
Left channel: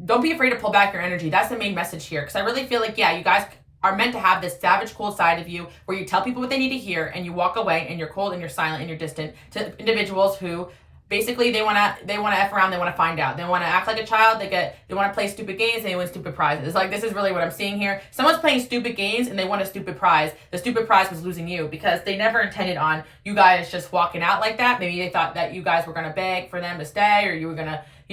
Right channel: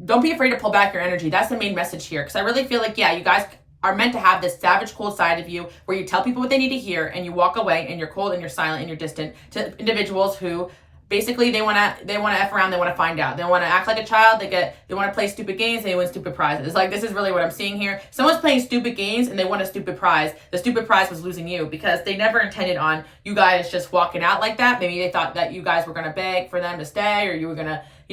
don't be afraid to pull back your energy. That's the main message here. Because I really feel like, yeah, you guys are meant to have this savage, cold side of you where you tell people what they need to hear and you walk away and you're cold and you're silent and you're distant to individuals who basically they want to F around, they want to find out. They want to act like a child, they want to play stupid games, and they win stupid prizes. Like, this is really what I'm seeing here. Someone's playing stupid games and they won a stupid prize. The stupid prize was losing you because they never intended on you guys just walking out like that. Maybe they thought that you guys were going to beg for them to stay, or you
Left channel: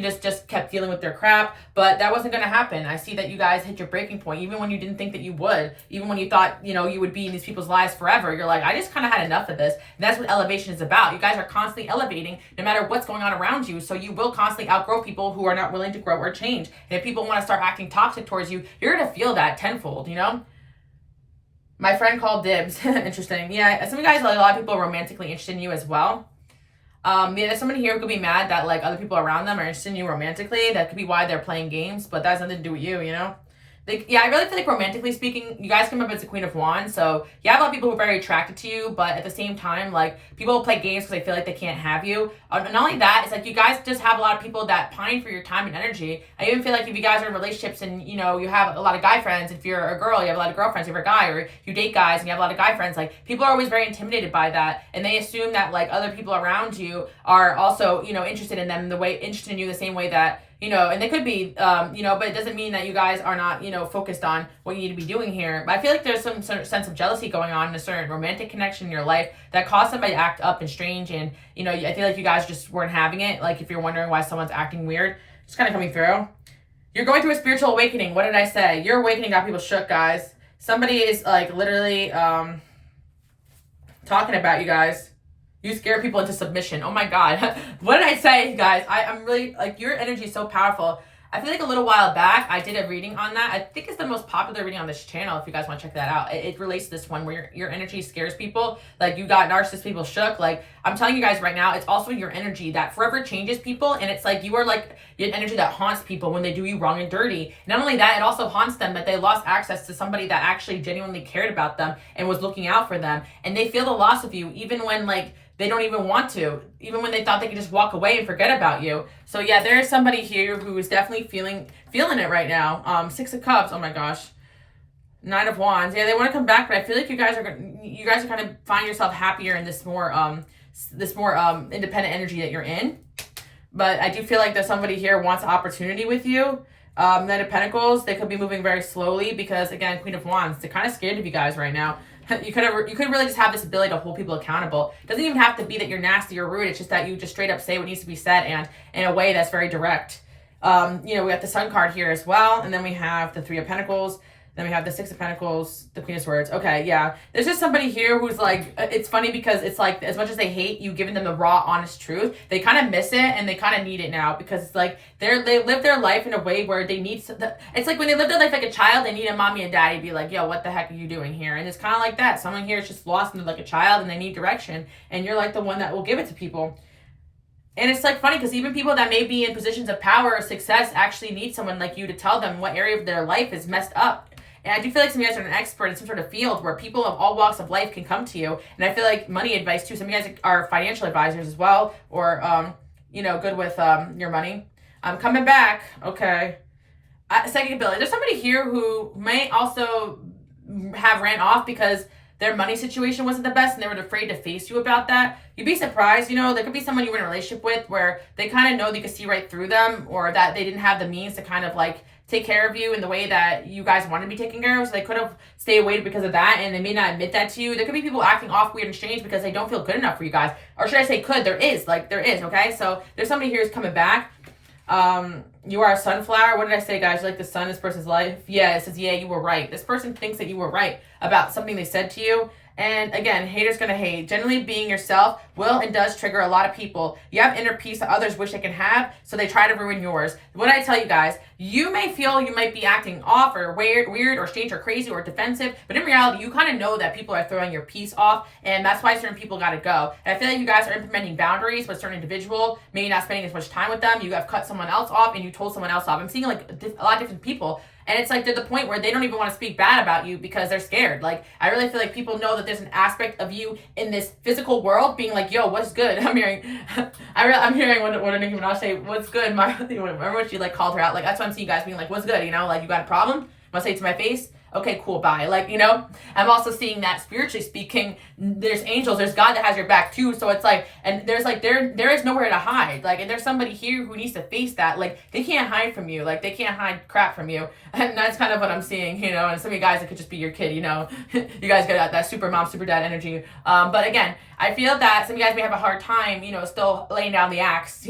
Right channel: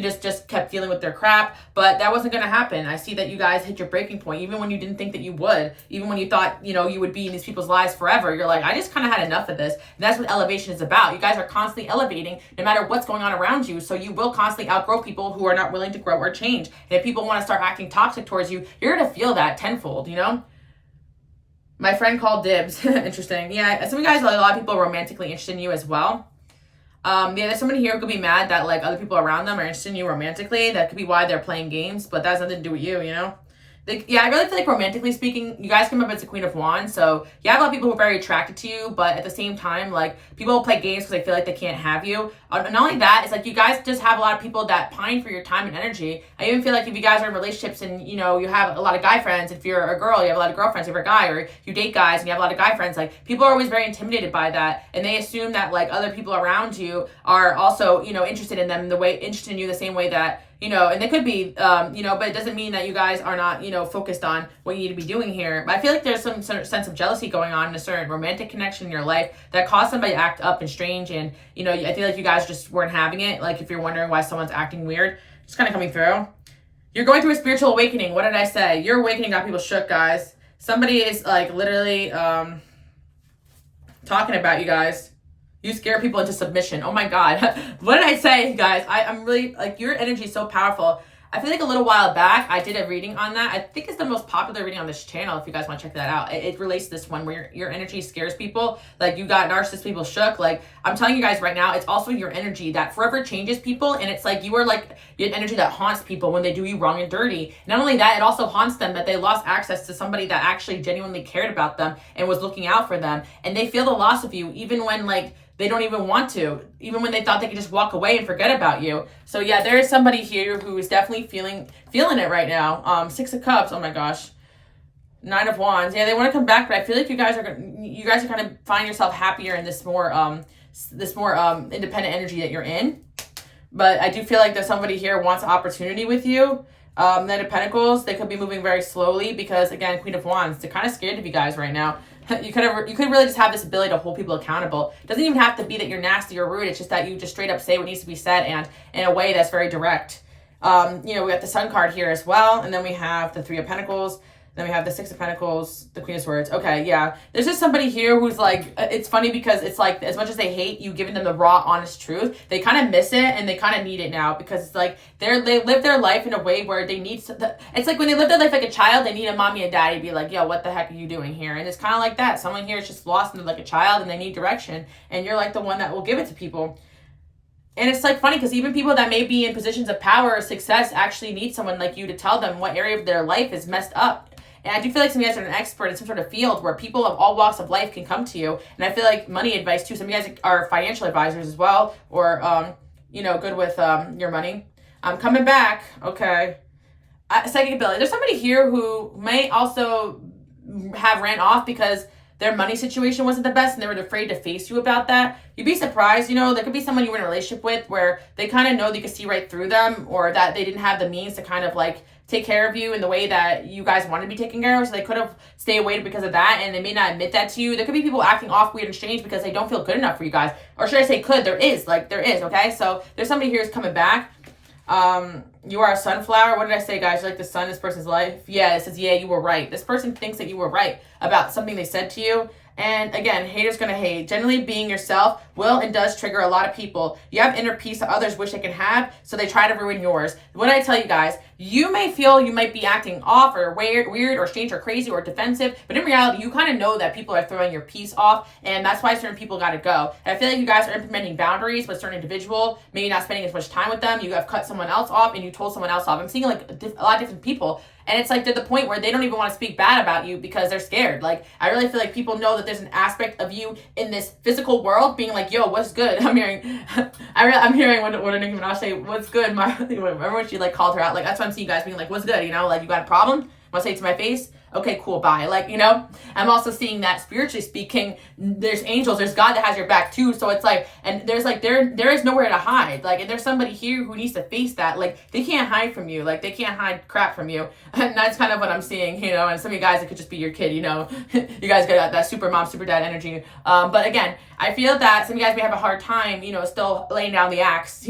just kept dealing with their crap, but that wasn't going to happen. I see that you guys hit your breaking point, even when you didn't think that you would, even when you thought, you know, you would be in these people's lives forever. You're like, I just kind of had enough of this. And that's what elevation is about. You guys are constantly elevating no matter what's going on around you. So you will constantly outgrow people who are not willing to grow or change. And if people want to start acting toxic towards you, you're going to feel that tenfold, you know? My friend called dibs. Interesting. Yeah, some of you guys, a lot of people are romantically interested in you as well. Yeah, there's somebody here who could be mad that like other people around them are interested in you romantically. That could be why they're playing games, but that has nothing to do with you, you know? Yeah, I really feel like romantically speaking, you guys come up as the Queen of Wands, so you have a lot of people who are very attracted to you, but at the same time, like, people will play games because they feel like they can't have you. Not only that, it's like you guys just have a lot of people that pine for your time and energy. I even feel like if you guys are in relationships and, you know, you have a lot of guy friends, if you're a girl, you have a lot of girlfriends, if you're a guy, or you date guys and you have a lot of guy friends, like, people are always very intimidated by that, and they assume that, like, other people around you are also, you know, interested in them, interested in you the same way that, you know, and they could be, you know, but it doesn't mean that you guys are not, you know, focused on what you need to be doing here. But I feel like there's some sort of sense of jealousy going on in a certain romantic connection in your life that caused somebody to act up and strange. And, you know, I feel like you guys just weren't having it. Like, if you're wondering why someone's acting weird, it's kind of coming through. You're going through a spiritual awakening. What did I say? Your awakening got people shook, guys. Somebody is, like, literally talking about you guys. You scare people into submission. Oh my God. What did I say, guys? I'm really, like, your energy is so powerful. I feel like a little while back, I did a reading on that. I think it's the most popular reading on this channel, if you guys want to check that out. It relates to this one where your energy scares people. Like, you got narcissist people shook. Like, I'm telling you guys right now, it's also your energy that forever changes people. And it's like, you are like an energy that haunts people when they do you wrong and dirty. Not only that, it also haunts them that they lost access to somebody that actually genuinely cared about them and was looking out for them. And they feel the loss of you, even when, like, they don't even want to, even when they thought they could just walk away and forget about you. So yeah, there is somebody here who is definitely feeling it right now. 6 of Cups, oh my gosh. 9 of Wands, yeah, they want to come back, but I feel like you guys are kind of find yourself happier in this more independent energy that you're in. But I do feel like there's somebody here who wants opportunity with you. Knight of Pentacles, they could be moving very slowly because, again, Queen of Wands, they're kind of scared of you guys right now. You could really just have this ability to hold people accountable. It doesn't even have to be that you're nasty or rude. It's just that you just straight up say what needs to be said, and in a way that's very direct. We got the Sun card here as well, and then we have the 3 of Pentacles. Then we have the 6 of Pentacles, the Queen of Swords. Okay, yeah. There's just somebody here who's like, it's funny because it's like, as much as they hate you giving them the raw, honest truth, they kind of miss it and they kind of need it now because it's like, they live their life in a way where they need, it's like when they live their life like a child, they need a mommy and daddy to be like, yo, what the heck are you doing here? And it's kind of like that. Someone here is just lost in like a child and they need direction. And you're like the one that will give it to people. And it's like funny because even people that may be in positions of power or success actually need someone like you to tell them what area of their life is messed up. And I do feel like some of you guys are an expert in some sort of field where people of all walks of life can come to you. And I feel like money advice too. Some of you guys are financial advisors as well, or, good with your money. I'm coming back. Okay. Psychic ability. There's somebody here who may also have ran off because their money situation wasn't the best and they were afraid to face you about that. You'd be surprised, there could be someone you were in a relationship with where they kind of know that you could see right through them, or that they didn't have the means to kind of like take care of you in the way that you guys wanted to be taken care of. So they could have stayed away because of that, and they may not admit that to you. There could be people acting off weird and strange because they don't feel good enough for you guys. Or should I say could? There is, okay? So there's somebody here who's coming back. You are a sunflower. What did I say, guys? You're like the sun in this person's life. Yeah, it says, yeah, you were right. This person thinks that you were right about something they said to you. And again, haters gonna hate. Generally, being yourself will and does trigger a lot of people. You have inner peace that others wish they can have, so they try to ruin yours. What I tell you guys, you may feel you might be acting off or weird or strange or crazy or defensive, but in reality, you kind of know that people are throwing your peace off, and that's why certain people gotta go. And I feel like you guys are implementing boundaries with a certain individual, maybe not spending as much time with them. You have cut someone else off, and you told someone else off. I'm seeing like a lot of different people. And it's like to the point where they don't even want to speak bad about you because they're scared. Like, I really feel like people know that there's an aspect of you in this physical world being like, yo, what's good? I'm hearing what Nicki Minaj say, what's good? Remember when she like called her out? Like, that's why I'm seeing you guys being like, what's good? Like, you got a problem? Want to say it to my face? Okay, cool, bye. Like, I'm also seeing that spiritually speaking, there's angels, there's God that has your back too. So it's like, and there's like, there is nowhere to hide. Like, and there's somebody here who needs to face that. Like, they can't hide from you. Like, they can't hide crap from you. And that's kind of what I'm seeing, and some of you guys, it could just be your kid, you guys got that super mom, super dad energy. But again, I feel that some of you guys may have a hard time, still laying down the axe,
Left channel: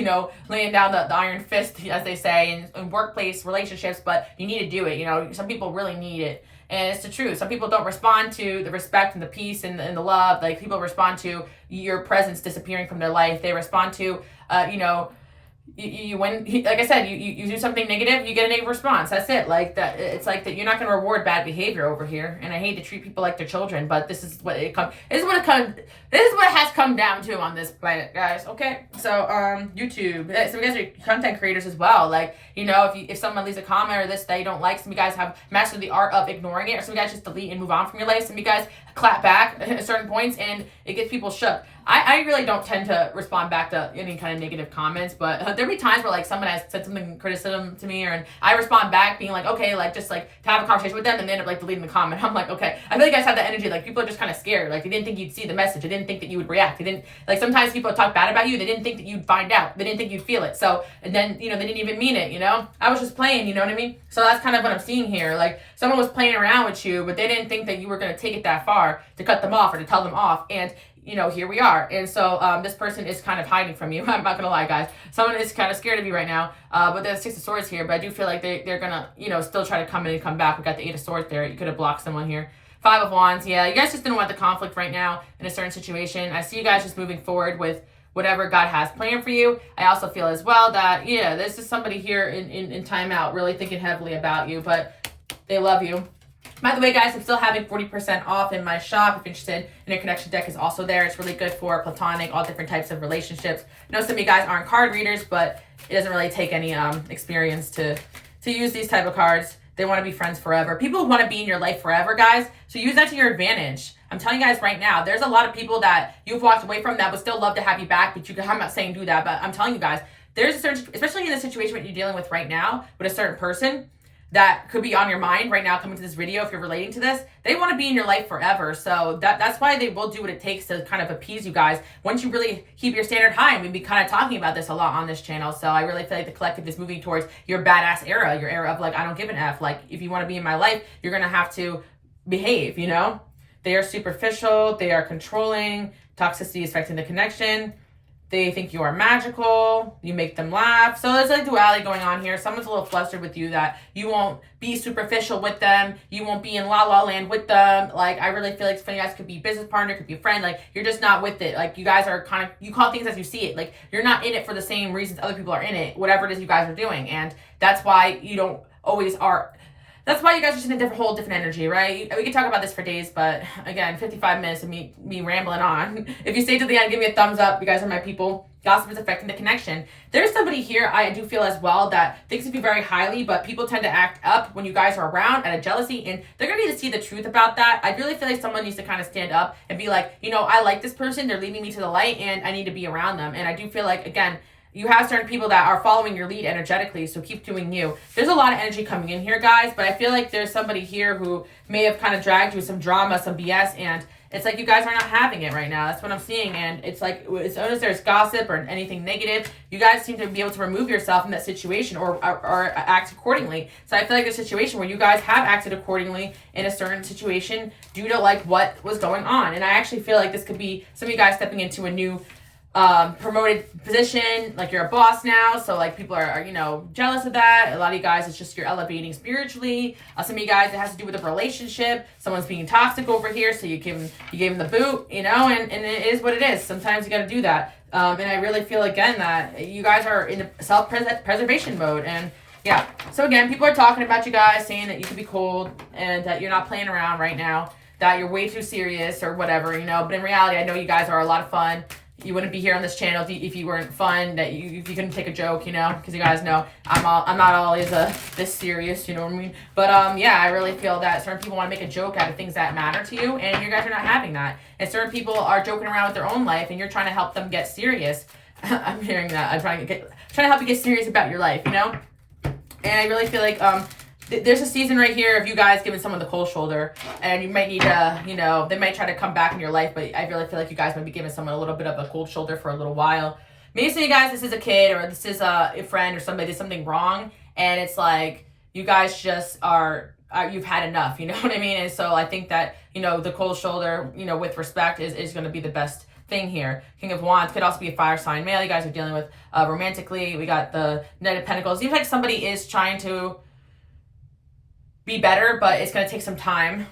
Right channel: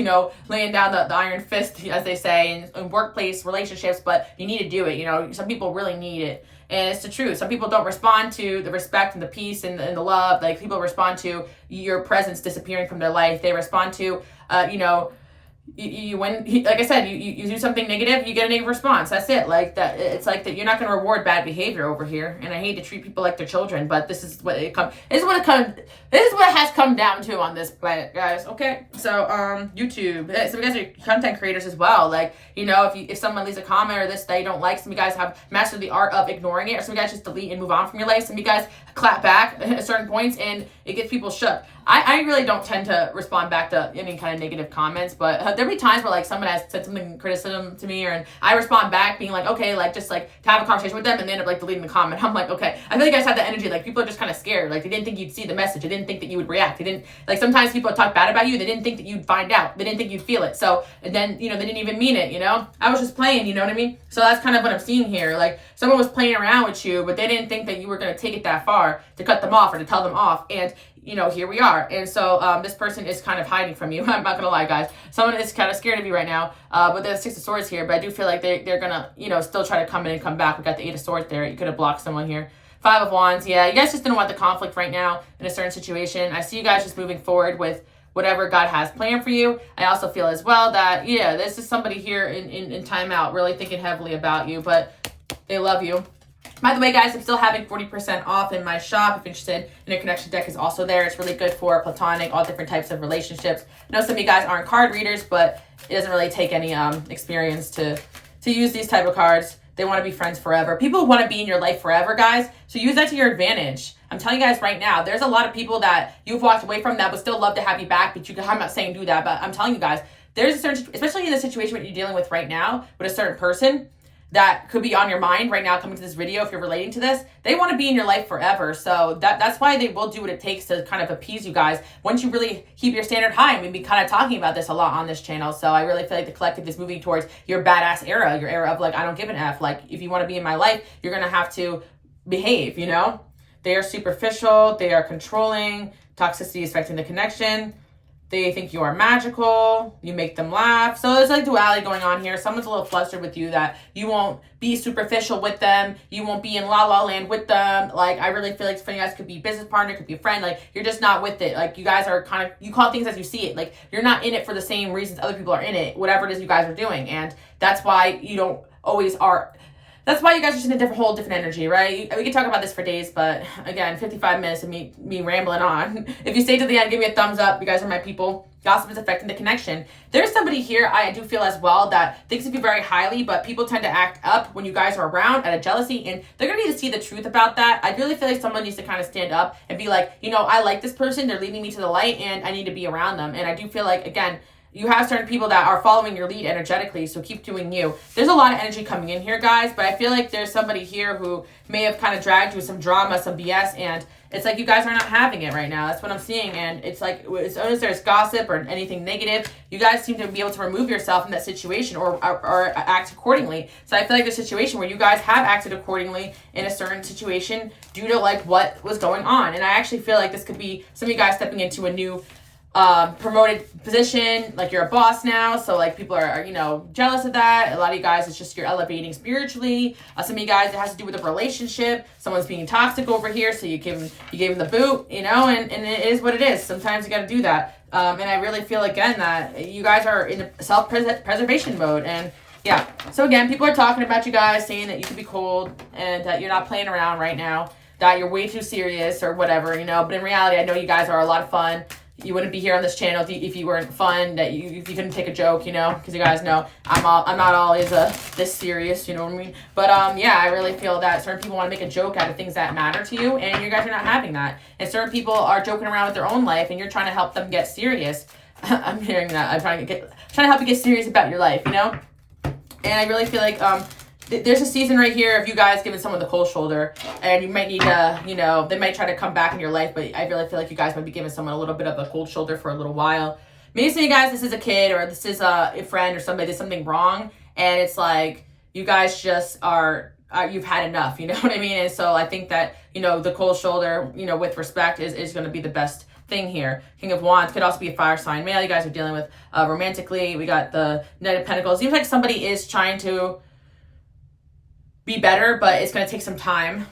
laying down the iron fist, as they say, in workplace relationships, but you need to do it. Some people really need it. And it's the truth. Some people don't respond to the respect and the peace and the love. Like, people respond to your presence disappearing from their life. They respond to, when, like I said, you do something negative, you get a negative response. That's it. Like that, it's like that. You're not going to reward bad behavior over here. And I hate to treat people like their children, but this is what it has come down to on this planet, guys. Okay, so YouTube. Some of you guys are content creators as well. Like, if someone leaves a comment or this they don't like, some of you guys have mastered the art of ignoring it, or some of you guys just delete and move on from your life. Some of you guys clap back at certain points, and it gets people shook. I really don't tend to respond back to any kind of negative comments, but there'll be times where like someone has said something criticism to me, and I respond back being like, okay, like just like to have a conversation with them, and they end up like deleting the comment. I'm like, okay. I feel like you guys have that energy. Like, people are just kind of scared. Like, they didn't think you'd see the message. They didn't think that you would react. They didn't, like, sometimes people talk bad about you. They didn't think that you'd find out. They didn't think you'd feel it. So, and then, they didn't even mean it, I was just playing, you know what I mean? So that's kind of what I'm seeing here. Like, someone was playing around with you, but they didn't think that you were going to take it that far to cut them off or to tell them off. And here we are. And so this person is kind of hiding from you. I'm not going to lie, guys. Someone is kind of scared of you right now. But there's 6 of Swords here. But I do feel like they're going to, still try to come in and come back. We got the 8 of Swords there. You could have blocked someone here. Five of Wands. Yeah, you guys just didn't want the conflict right now in a certain situation. I see you guys just moving forward with whatever God has planned for you. I also feel as well that, yeah, this is somebody here in timeout really thinking heavily about you, but they love you. By the way, guys, I'm still having 40% off in my shop. If you're interested, Interconnection deck is also there. It's really good for platonic, all different types of relationships. I know some of you guys aren't card readers, but it doesn't really take any experience to use these type of cards. They want to be friends forever. People want to be in your life forever, guys. So use that to your advantage. I'm telling you guys right now, there's a lot of people that you've walked away from that would still love to have you back, but I'm not saying do that, but I'm telling you guys, there's a certain, especially in the situation that you're dealing with right now with a certain person that could be on your mind right now coming to this video, if you're relating to this, they want to be in your life forever. So that's why they will do what it takes to kind of appease you guys once you really keep your standard high. And we've been kind of talking about this a lot on this channel. So I really feel like the collective is moving towards your badass era, your era of like, I don't give an F. Like, if you want to be in my life, you're going to have to behave, you know? They are superficial. They are controlling. Toxicity is affecting the connection. They think you are magical. You make them laugh. So there's like duality going on here. Someone's a little flustered with you that you won't be superficial with them. You won't be in la la land with them. Like, I really feel like some of you guys could be business partner, could be a friend. Like, you're just not with it. Like, you guys are kind of, you call things as you see it. Like, you're not in it for the same reasons other people are in it, whatever it is you guys are doing. And that's why you don't always are. That's why you guys are just in a whole different energy, right? We could talk about this for days, but again, 55 minutes of me rambling on. If you stay to the end, give me a thumbs up. You guys are my people. Gossip is affecting the connection. There's somebody here, I do feel as well, that thinks of you very highly, but people tend to act up when you guys are around out of jealousy, and they're going to need to see the truth about that. I really feel like someone needs to kind of stand up and be like, you know, I like this person. They're leading me to the light, and I need to be around them. And I do feel like, again, you have certain people that are following your lead energetically, so keep doing you. There's a lot of energy coming in here, guys, but I feel like there's somebody here who may have kind of dragged you with some drama, some BS, and it's like you guys are not having it right now. That's what I'm seeing, and it's like as soon as there's gossip or anything negative, you guys seem to be able to remove yourself from that situation or act accordingly. So I feel like there's a situation where you guys have acted accordingly in a certain situation due to like what was going on, and I actually feel like this could be some of you guys stepping into a new promoted position, like you're a boss now, so like people are you know, jealous of that. A lot of you guys, it's just you're elevating spiritually. Some of you guys, it has to do with a relationship. Someone's being toxic over here, so you gave him the boot, you know, and it is what it is. Sometimes you got to do that. And I really feel again that you guys are in a self-preservation mode, and yeah. So again, people are talking about you guys, saying that you could be cold and that you're not playing around right now, that you're way too serious or whatever, you know. But in reality, I know you guys are a lot of fun. You wouldn't be here on this channel if you weren't fun, that you couldn't take a joke, you know, because you guys know I'm not always this serious, you know what I mean? But yeah, I really feel that certain people want to make a joke out of things that matter to you, and you guys are not having that. And certain people are joking around with their own life, and you're trying to help them get serious. I'm hearing that. I'm trying to help you get serious about your life, you know. And I really feel like there's a season right here of you guys giving someone the cold shoulder, and you might need to, you know, they might try to come back in your life, but I really feel like you guys might be giving someone a little bit of a cold shoulder for a little while. Maybe some of you guys, this is a kid or this is a friend or somebody did something wrong, and it's like you guys just are, you've had enough, you know what I mean? And so I think that, you know, the cold shoulder, you know, with respect is going to be the best thing here. King of Wands could also be a fire sign male you guys are dealing with romantically. We got the Knight of Pentacles. Seems like somebody is trying to be better, but it's going to take some time.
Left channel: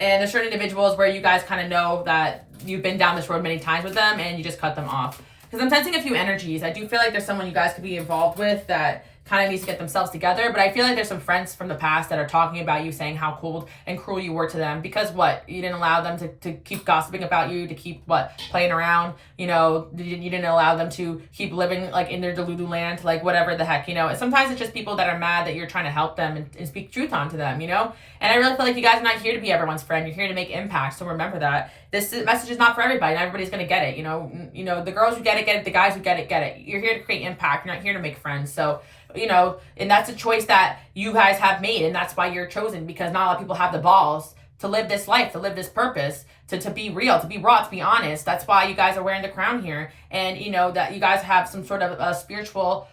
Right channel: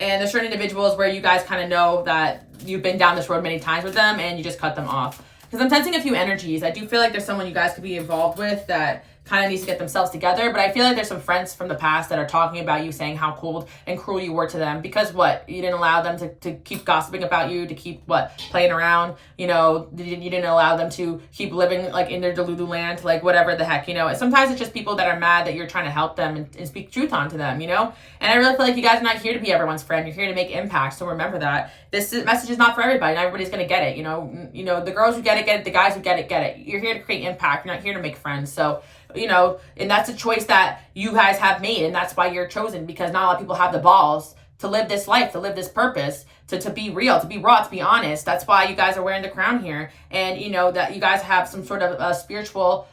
And there's certain individuals where you guys kind of know that you've been down this road many times with them and you just cut them off. Because I'm sensing a few energies. I do feel like there's someone you guys could be involved with that kind of needs to get themselves together, but I feel like there's some friends from the past that are talking about you, saying how cold and cruel you were to them because what? You didn't allow them to keep gossiping about you, to keep playing around, you know, you didn't allow them to keep living like in their Delulu land, like whatever the heck, you know. Sometimes it's just people that are mad that you're trying to help them and speak truth onto them, you know. And I really feel like you guys are not here to be everyone's friend. You're here to make impact. So remember that this message is not for everybody. Not everybody's going to get it. You know, the girls who get it. The guys who get it. You're here to create impact. You're not here to make friends. So, you know, and that's a choice that you guys have made. And that's why you're chosen, because not a lot of people have the balls to live this life, to live this purpose, to be real, to be raw, to be honest. That's why you guys are wearing the crown here. And, you know, that you guys have some sort of a spiritual,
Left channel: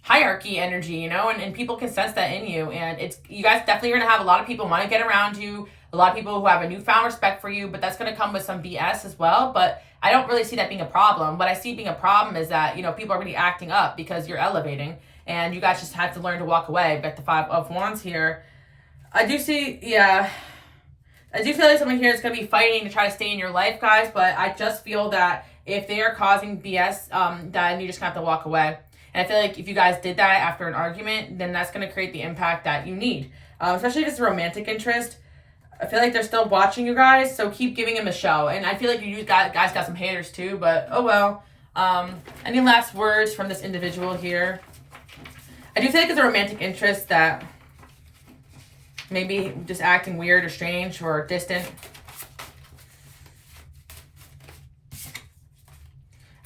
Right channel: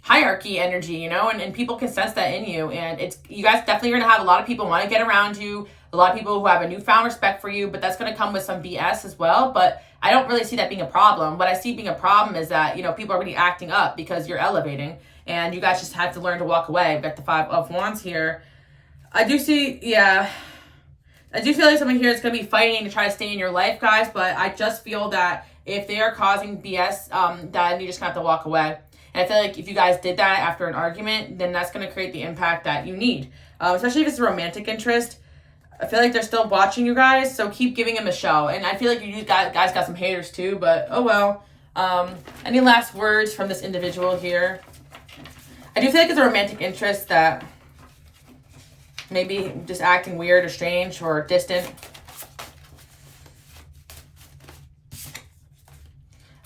hierarchy energy, you know, and people can sense that in you. And it's, you guys definitely are going to have a lot of people want to get around you, a lot of people who have a newfound respect for you, but that's going to come with some BS as well. But I don't really see that being a problem. What I see being a problem is that, you know, people are really acting up because you're elevating, and you guys just had to learn to walk away. We've got the 5 of Wands here. I do see, yeah. I do feel like someone here is going to be fighting to try to stay in your life, guys, but I just feel that if they are causing BS, then you just have to walk away. And I feel like if you guys did that after an argument, then that's going to create the impact that you need, especially if it's a romantic interest. I feel like they're still watching you guys, so keep giving them a show. And I feel like you guys got some haters too, but oh well. Any last words from this individual here? I do feel like it's a romantic interest that maybe just acting weird or strange or distant.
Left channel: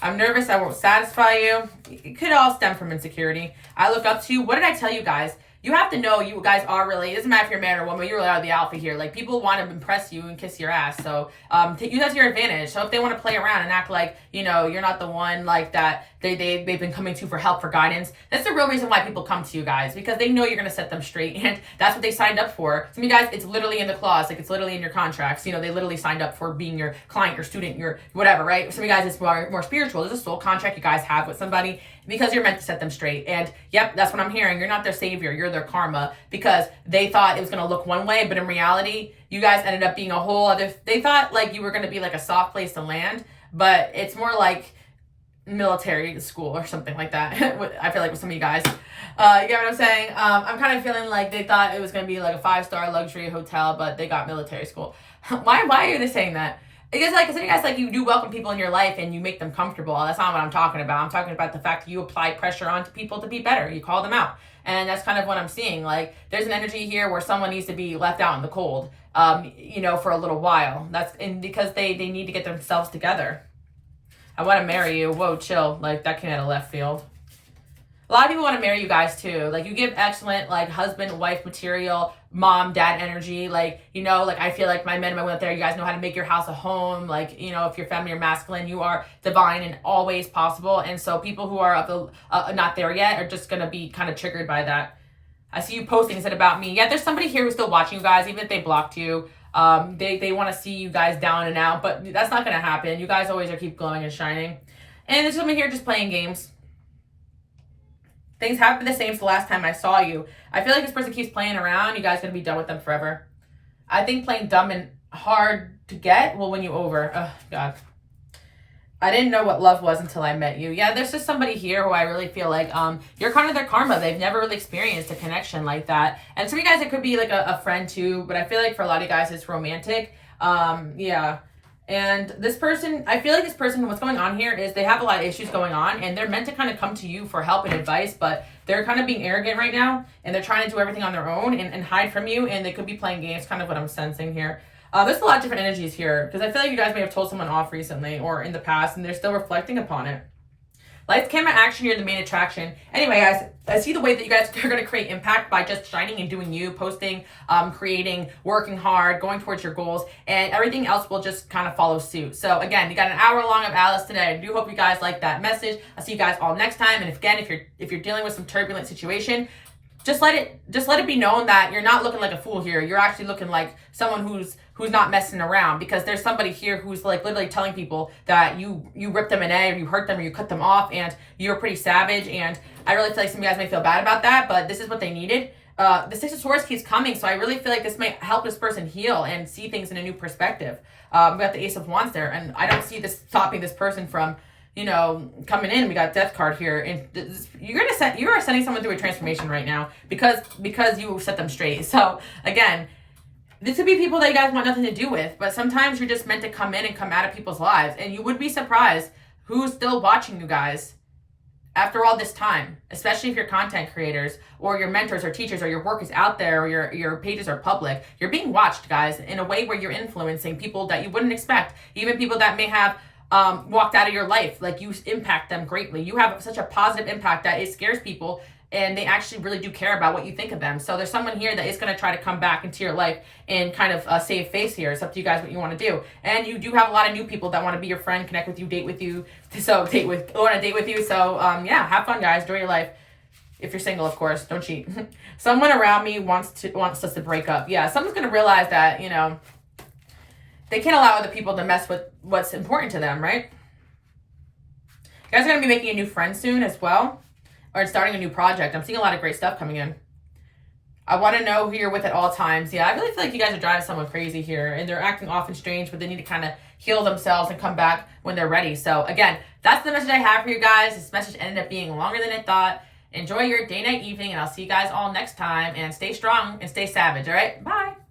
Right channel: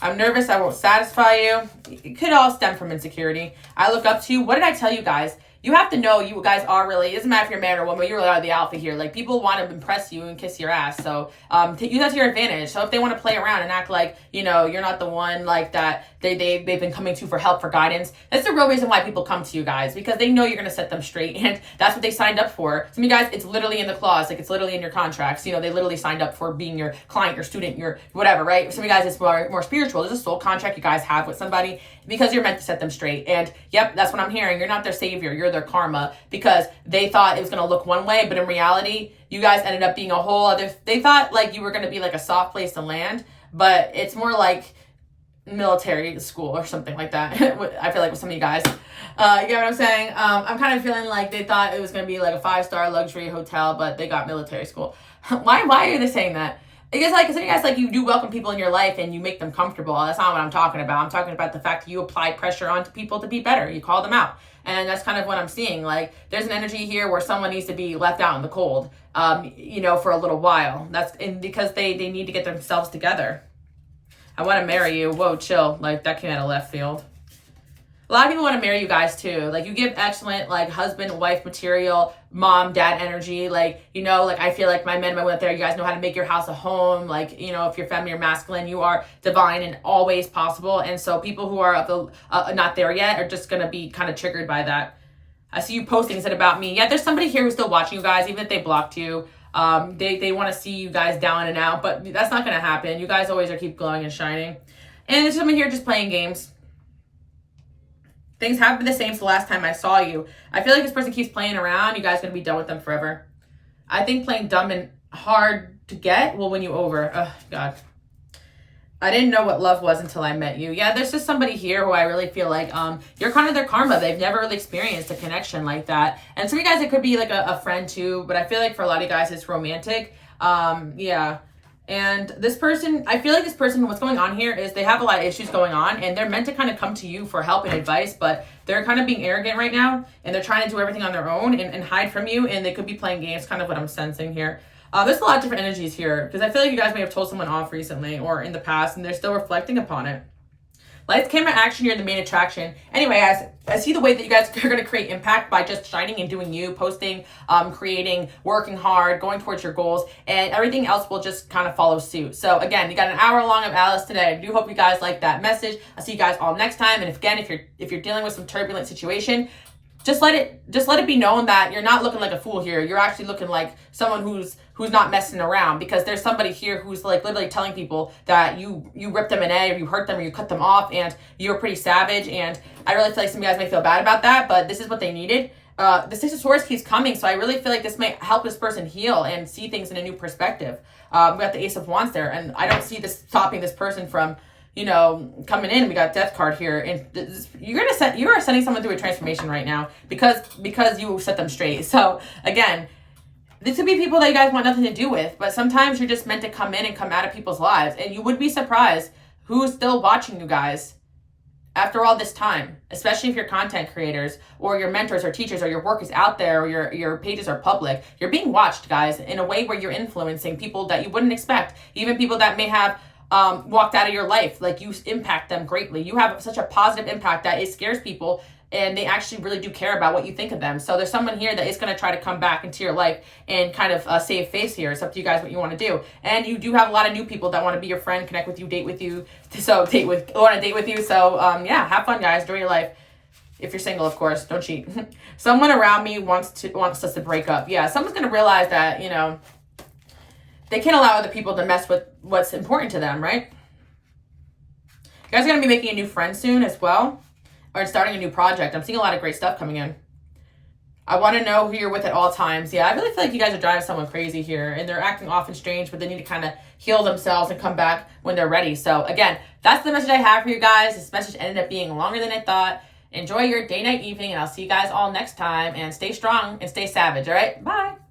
I'm nervous I won't satisfy you. It could all stem from insecurity. I look up to you. What did I tell you guys? You have to know you guys are really, it doesn't matter if you're a man or woman, you're really the alpha here. Like, people want to impress you and kiss your ass. So use that to your advantage. So if they want to play around and act like, you know, you're not the one like that they've been coming to for help, for guidance, that's the real reason why people come to you guys, because they know you're going to set them straight. And that's what they signed up for. Some of you guys, it's literally in the clause, like it's literally in your contracts. You know, they literally signed up for being your client, your student, your whatever, right? Some of you guys, it's more spiritual. There's a soul contract you guys have with somebody because you're meant to set them straight. And yep, that's what I'm hearing. You're not their savior. You're their karma, because they thought it was going to look one way, but in reality, you guys ended up being a whole other, they thought like you were going to be like a soft place to land, but it's more like military school or something like that. I feel like with some of you guys, you get what I'm saying? I'm kind of feeling like they thought it was going to be like a 5-star luxury hotel, but they got military school. Why are they saying that? Because like some of you guys, like, you do welcome people in your life and you make them comfortable. That's not what I'm talking about. I'm talking about the fact that you apply pressure onto people to be better. You call them out. And that's kind of what I'm seeing. Like, there's an energy here where someone needs to be left out in the cold, you know, for a little while. Because they need to get themselves together. I want to marry you. Whoa, chill. Like, that came out of left field. A lot of people want to marry you guys too. Like, you give excellent, like, husband, wife material, mom, dad energy. Like, you know, like, I feel like my men and my women out there, you guys know how to make your house a home. Like, you know, if you're feminine or masculine, you are divine and always possible. And so people who are not there yet are just going to be kind of triggered by that. I see you posting, is it about me? Yeah, there's somebody here who's still watching you guys, even if they blocked you. They want to see you guys down and out, but that's not going to happen. You guys always are keep glowing and shining. And there's someone here just playing games. Things have been the same since the last time I saw you. I feel like this person keeps playing around. You guys are going to be done with them forever. I think playing dumb and hard to get will win you over. Oh, God. I didn't know what love was until I met you. Yeah, there's just somebody here who I really feel like you're kind of their karma. They've never really experienced a connection like that. And some of you guys, it could be like a friend too, but I feel like for a lot of you guys, it's romantic. Yeah. And this person, I feel like this person, what's going on here is they have a lot of issues going on, and they're meant to kind of come to you for help and advice, but they're kind of being arrogant right now, and they're trying to do everything on their own and hide from you, and they could be playing games, kind of what I'm sensing here. There's a lot of different energies here, because I feel like you guys may have told someone off recently or in the past, and they're still reflecting upon it. Lights, camera, action, you're the main attraction. Anyway, guys, I see the way that you guys are going to create impact by just shining and doing you, posting, creating, working hard, going towards your goals, and everything else will just kind of follow suit. So again, you got an hour long of Alice today. I do hope you guys like that message. I'll see you guys all next time. And if you're dealing with some turbulent situation, just let it be known that you're not looking like a fool here. You're actually looking like someone who's not messing around, because there's somebody here who's like literally telling people that you ripped them an A, or you hurt them, or you cut them off, and you're pretty savage. And I really feel like some of you guys may feel bad about that, but this is what they needed. The Six of Swords keeps coming, so I really feel like this may help this person heal and see things in a new perspective. We got the Ace of Wands there, and I don't see this stopping this person from, you know, coming in. We got Death card here, and you are sending someone through a transformation right now because you set them straight. So again, this would be people that you guys want nothing to do with, but sometimes you're just meant to come in and come out of people's lives, and you would be surprised who's still watching you guys after all this time, especially if you're content creators or your mentors or teachers or your work is out there or your pages are public. You're being watched, guys, in a way where you're influencing people that you wouldn't expect, even people that may have walked out of your life. Like, you impact them greatly. You have such a positive impact that it scares people, and they actually really do care about what you think of them. So there's someone here that is going to try to come back into your life and kind of save face here. It's up to you guys what you want to do. And you do have a lot of new people that want to be your friend, connect with you, date with you. So want to date with you. So yeah, have fun, guys. Enjoy your life. If you're single, of course, don't cheat. Someone around me wants us to break up. Yeah, someone's going to realize that, you know, they can't allow other people to mess with what's important to them, right? You guys are going to be making a new friend soon as well, or starting a new project. I'm seeing a lot of great stuff coming in. I want to know who you're with at all times. Yeah, I really feel like you guys are driving someone crazy here, and they're acting off and strange, but they need to kind of heal themselves and come back when they're ready. So again, that's the message I have for you guys. This message ended up being longer than I thought. Enjoy your day, night, evening, and I'll see you guys all next time. And stay strong and stay savage, all right? Bye.